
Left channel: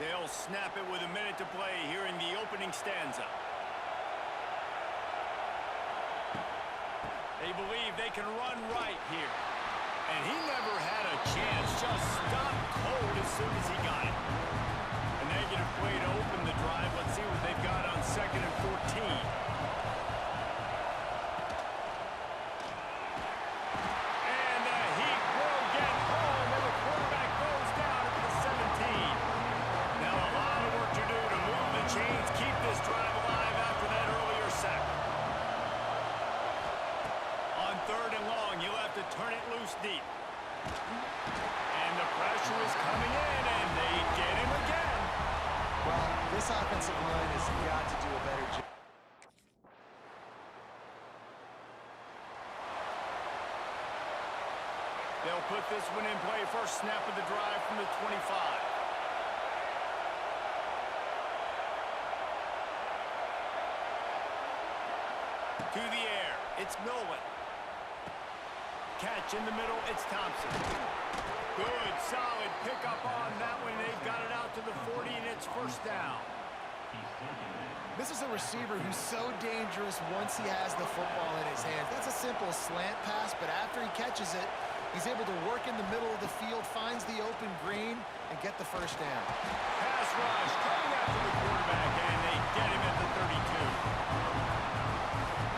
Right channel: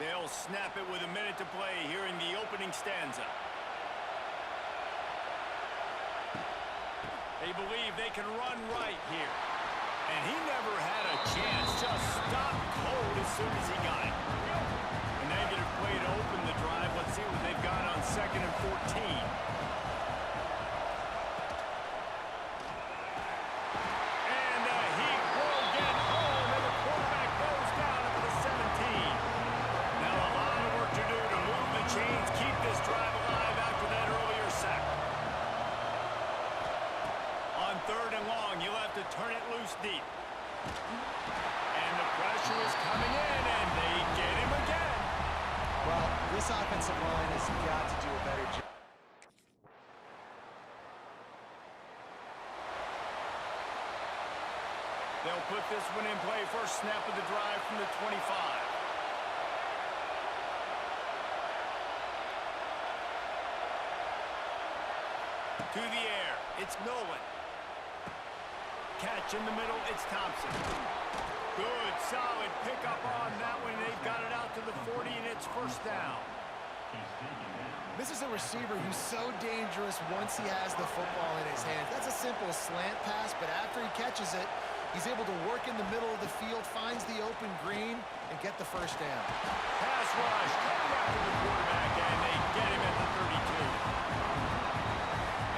They'll snap it with a minute to play here in the opening stanza. They believe they can run right here. And he never had a chance, just stopped cold as soon as he got it. A negative play to open the drive. Let's see what they've got on 2nd and 14. And the Heat will get home, and the quarterback goes down at the 17. Now a lot of work to do to move the chains, keep this drive alive after that earlier sack. On 3rd and long, you'll have to turn it loose deep. And the pressure is coming in, and they get him again. Well, this offensive line has got to do a better job. They'll put this one in play. First snap of the drive from the 25. To the air, it's Nolan. Catch in the middle, it's Thompson. Good, solid pickup on that one. They've got it out to the 40, and it's first down. This is a receiver who's so dangerous once he has the football in his hands. That's a simple slant pass, but after he catches it, he's able to work in the middle of the field, finds the open green, and get the first down. Pass rush coming after the quarterback, and they get him at the 32.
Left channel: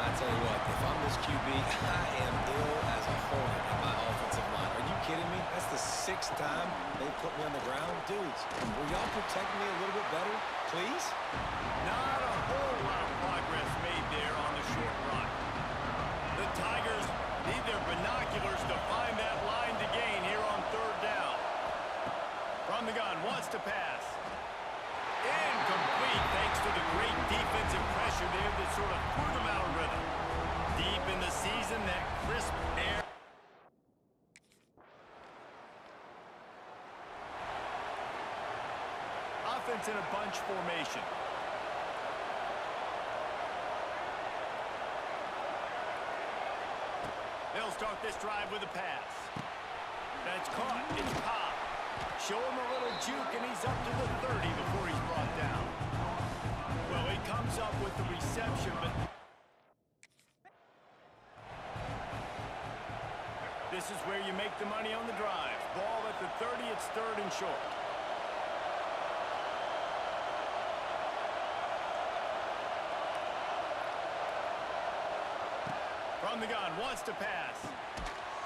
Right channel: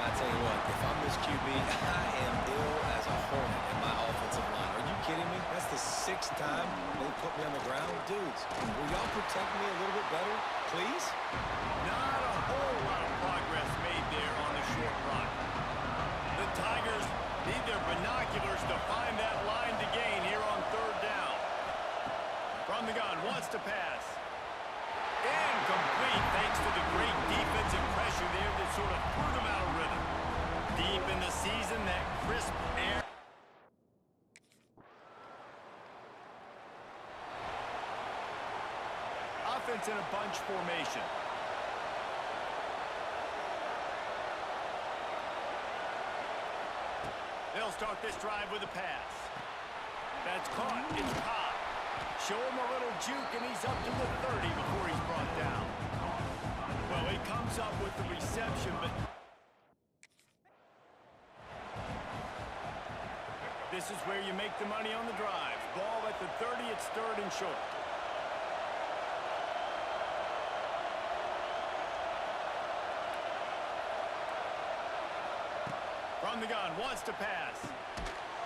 I tell you what, if I'm this QB, I am ill as a hornet in my offensive line. Are you kidding me? That's the 6th time they put me on the ground. Dudes, will y'all protect me a little bit better, please? Not a whole lot of progress made there on the short run. The Tigers need their binoculars to find that line to gain here on 3rd down. From the gun, wants to pass. Incomplete thanks to the great defensive pressure there that sort of threw them out of rhythm. Deep in the season, that crisp air. Offense in a bunch formation. They'll start this drive with a pass. That's caught. It's Cobb. Show him a little juke, and he's up to the 30 before he's brought down. Well, he comes up with the reception, but this is where you make the money on the drive. Ball at the 30, it's 3rd and short. From the gun, wants to pass.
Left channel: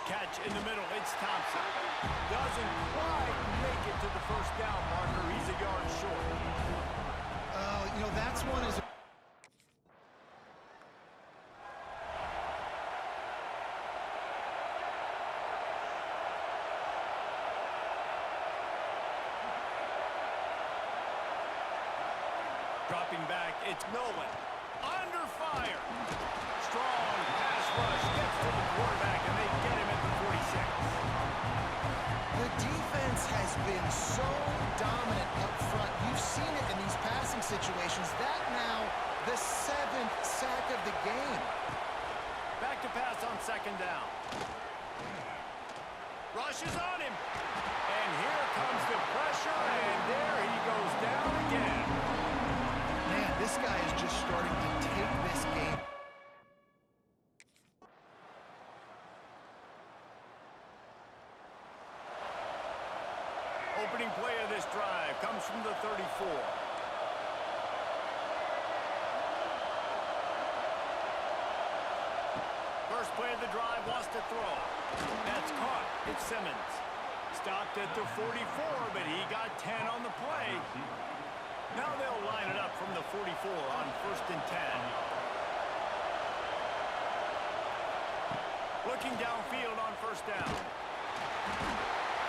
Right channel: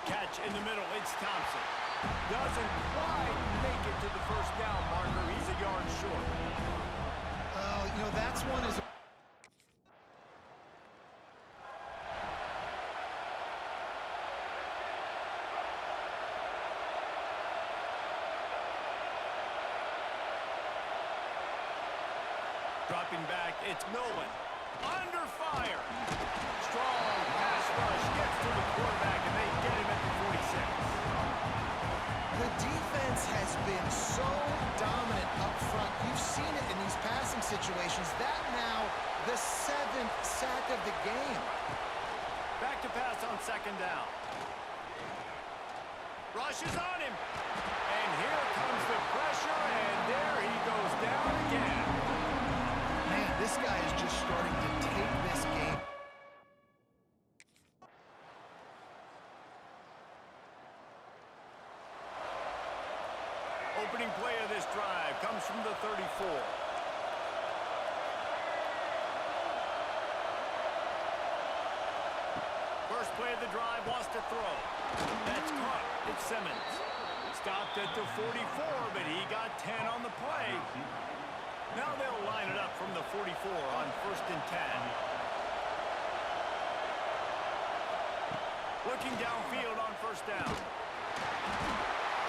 Catch in the middle, it's Thompson. Doesn't quite make it to the first down marker. He's a yard short. Oh, you know, that's one is... Dropping back, it's Nolan. Under fire. Strong pass rush gets to the quarterback, and they get him at the 46. The defense has been so dominant up front. You've seen it in these passing situations. That now the 7th sack of the game. Back to pass on 2nd down. Rush is on him. And here comes the pressure, and there he goes down again. Man, this guy is just starting to take this game. Opening play of this drive comes from the 34. First play of the drive, wants to throw. That's caught. It's Simmons. Stopped at the 44, but he got 10 on the play. Now they'll line it up from the 44 on 1st and 10. Looking downfield on 1st down.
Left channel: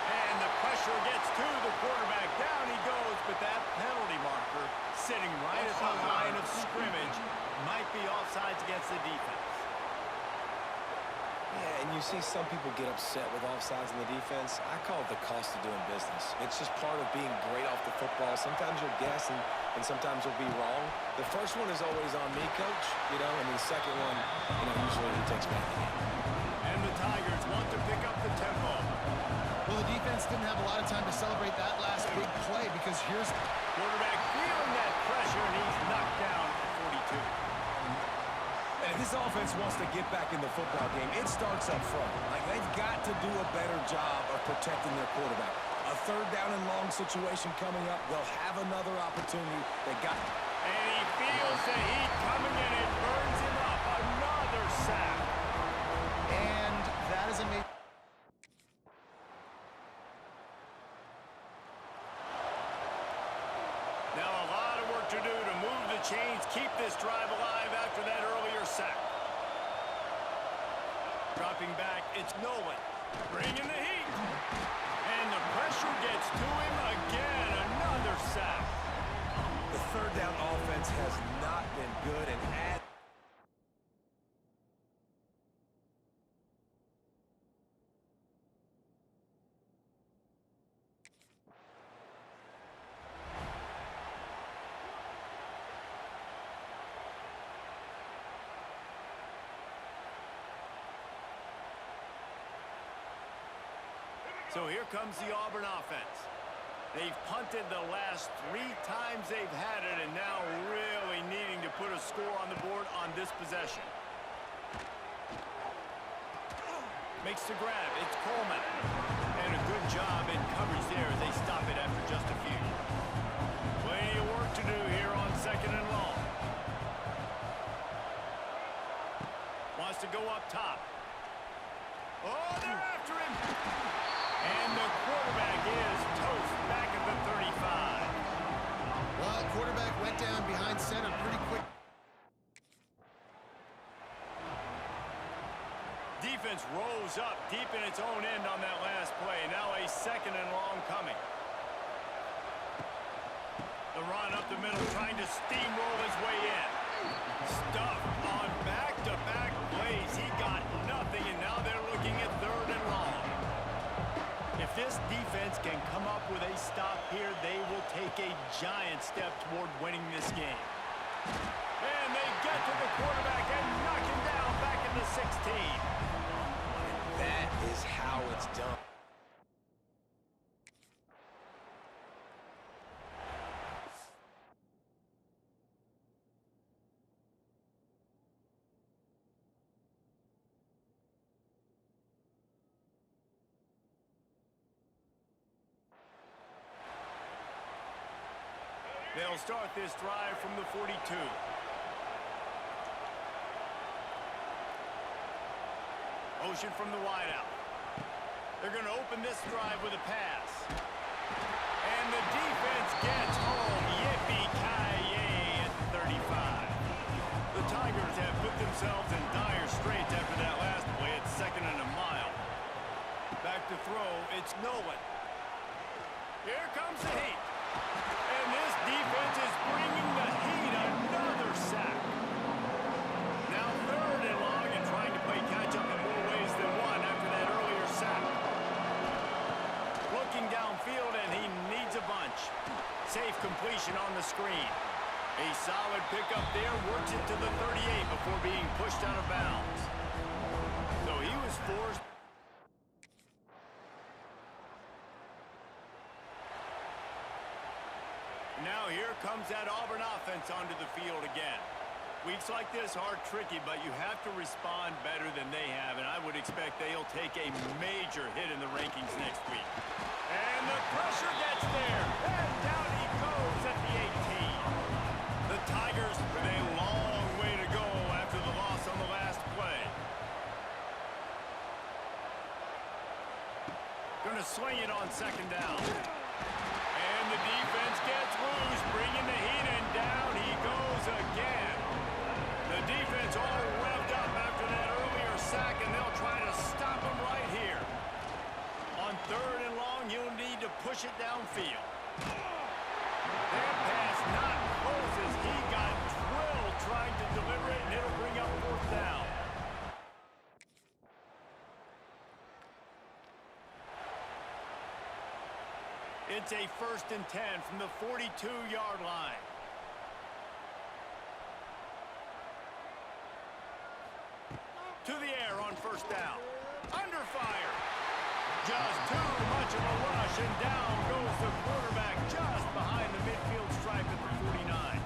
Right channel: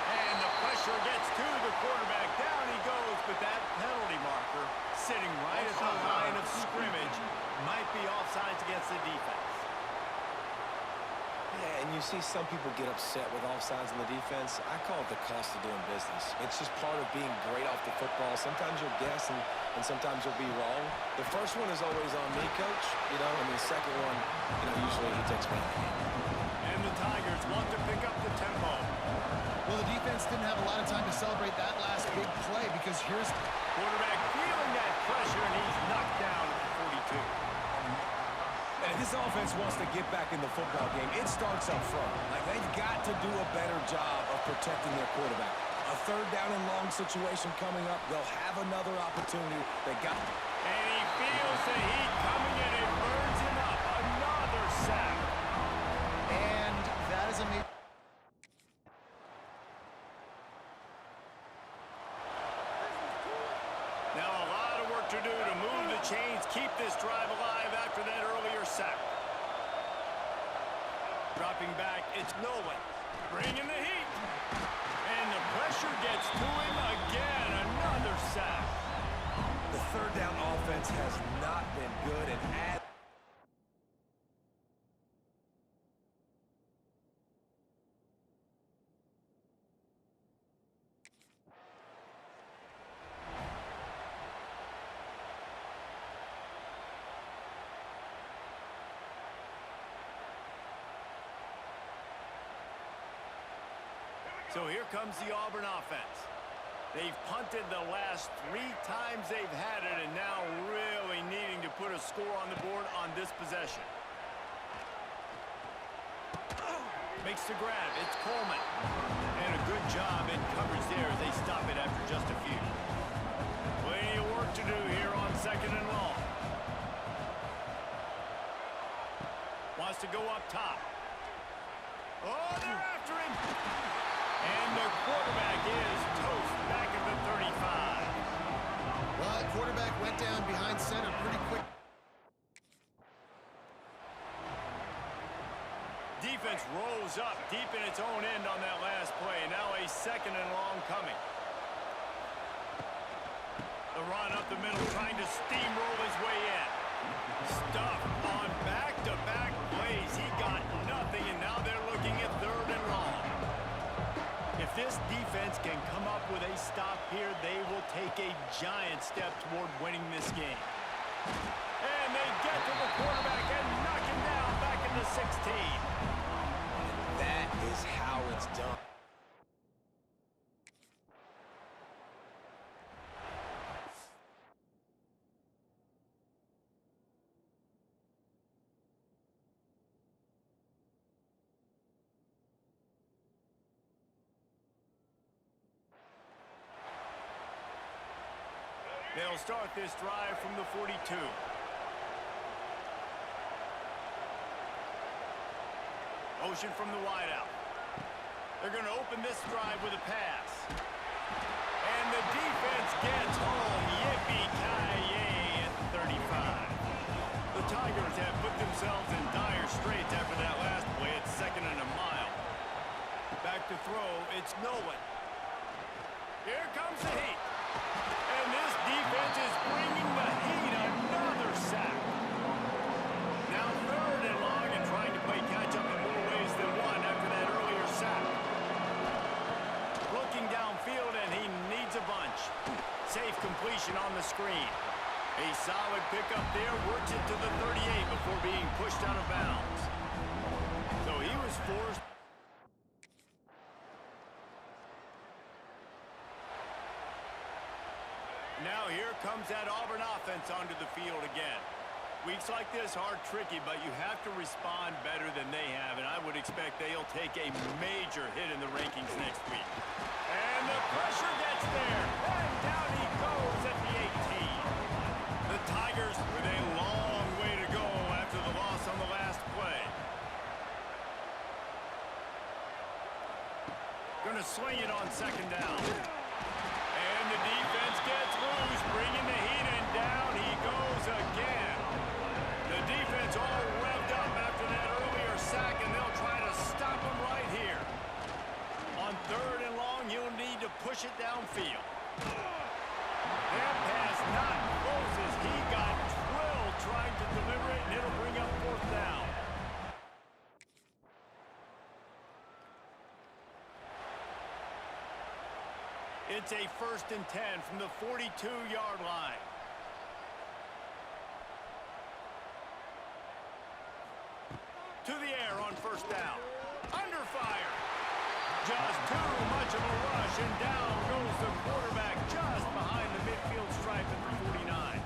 And the pressure gets to the quarterback. Down he goes, but that penalty marker sitting right at the line of scrimmage might be offsides against the defense. Yeah, and you see some people get upset with offsides in the defense. I call it the cost of doing business. It's just part of being great off the football. Sometimes you'll guess, and sometimes you'll be wrong. The first one is always on me, Coach, you know, and the second one, you know, usually he takes me in the game. And the Tigers want to pick up the tempo. Well, the defense didn't have a lot of time to celebrate that last big play because here's... Quarterback feeling that pressure, and he's knocked down at the 42. And if this offense wants to get back in the football game, it starts up front. Like, they've got to do a better job of protecting their quarterback. A 3rd down and long situation coming up, they'll have another opportunity. They got... And he feels the heat coming in. It burns him up. Another sack. And that is a... Now a lot of work to do to move the chains, keep this drive alive after that earlier sack. Dropping back, it's Nolan. Bringing the heat. And the pressure gets to him again. Another sack. The 3rd down offense has not been good, and So here comes the Auburn offense. They've punted the last 3 times they've had it, and now really needing to put a score on the board on this possession. Makes the grab. It's Coleman. And a good job in coverage there as they stop it after just a few. Plenty of work to do here on 2nd and long. Wants to go up top. Oh, they're after him. And the quarterback is toast back at the 35. Well, the quarterback went down behind center pretty quick. Defense rose up deep in its own end on that last play. Now a 2nd and long coming. The run up the middle, trying to steamroll his way in. Stuff on back-to-back plays. He got nothing, and now they're looking at 3rd and long. If this defense can come up with a stop here, they will take a giant step toward winning this game. And they get to the quarterback and knock him down back in the 16. And that is how it's done. They'll start this drive from the 42. Motion from the wideout. They're going to open this drive with a pass. And the defense gets home. Yippee-ki-yay at the 35. The Tigers have put themselves in dire straits after that last play. It's 2nd and a mile. Back to throw. It's Nolan. Here comes the heat. And this defense is bringing the heat. Another sack. Now 3rd and long and trying to play catch-up in more ways than one after that earlier sack. Looking downfield, and he needs a bunch. Safe completion on the screen. A solid pickup there. Works it to the 38 before being pushed out of bounds. So he was forced. Now here comes that Auburn offense onto the field again. Weeks like this are tricky, but you have to respond better than they have, and I would expect they'll take a major hit in the rankings next week. And the pressure gets there, and down he goes at the 18. The Tigers with a long way to go after the loss on the last play. Gonna swing it on 2nd down. And the defense gets loose, bringing the heat, and down he goes again. The defense all revved up after that earlier sack, and they'll try to stop him right here. On 3rd and long, you'll need to push it downfield. That pass not close as he got drilled trying to deliver it, and it'll bring up 4th down. It's a 1st and 10 from the 42-yard line. To the air on 1st down. Under fire. Just too much of a rush, and down goes the quarterback just behind the midfield stripe at the 49.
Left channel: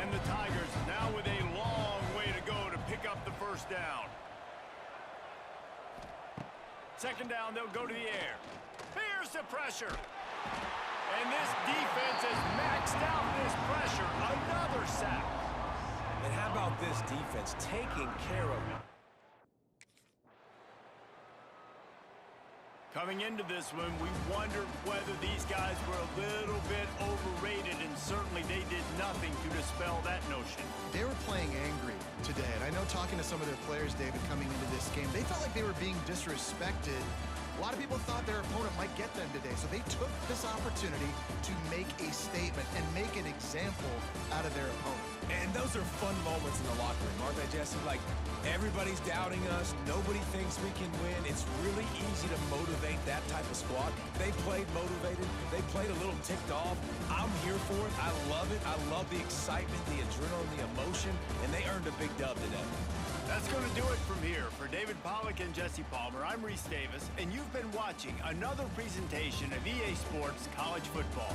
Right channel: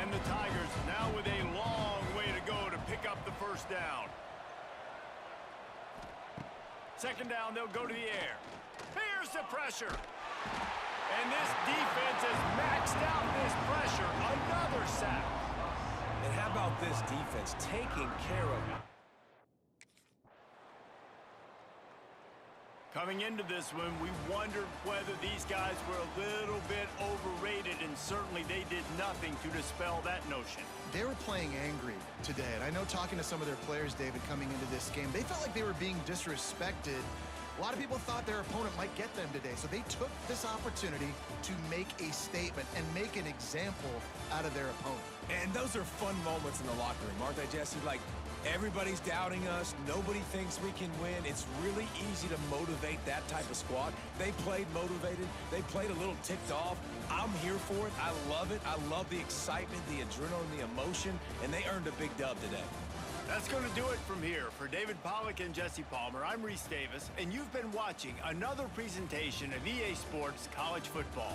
And the Tigers now with a long way to go to pick up the 1st down. 2nd down, they'll go to the air. Here's the pressure. And this defense has maxed out this pressure. Another sack. And how about this defense taking care of it? Coming into this one, we wondered whether these guys were a little bit overrated, and certainly they did nothing to dispel that notion. They were playing angry today, and I know talking to some of their players, David, coming into this game, they felt like they were being disrespected. A lot of people thought their opponent might get them today, so they took this opportunity to make a statement and make an example out of their opponent. And those are fun moments in the locker room, aren't they, Jesse? Like, everybody's doubting us. Nobody thinks we can win. It's really easy to motivate that type of squad. They played motivated. They played a little ticked off. I'm here for it. I love it. I love the excitement, the adrenaline, the emotion, and they earned a big dub today. That's going to do it from here. For David Pollack and Jesse Palmer, I'm Reese Davis, and you've been watching another presentation of EA Sports College Football.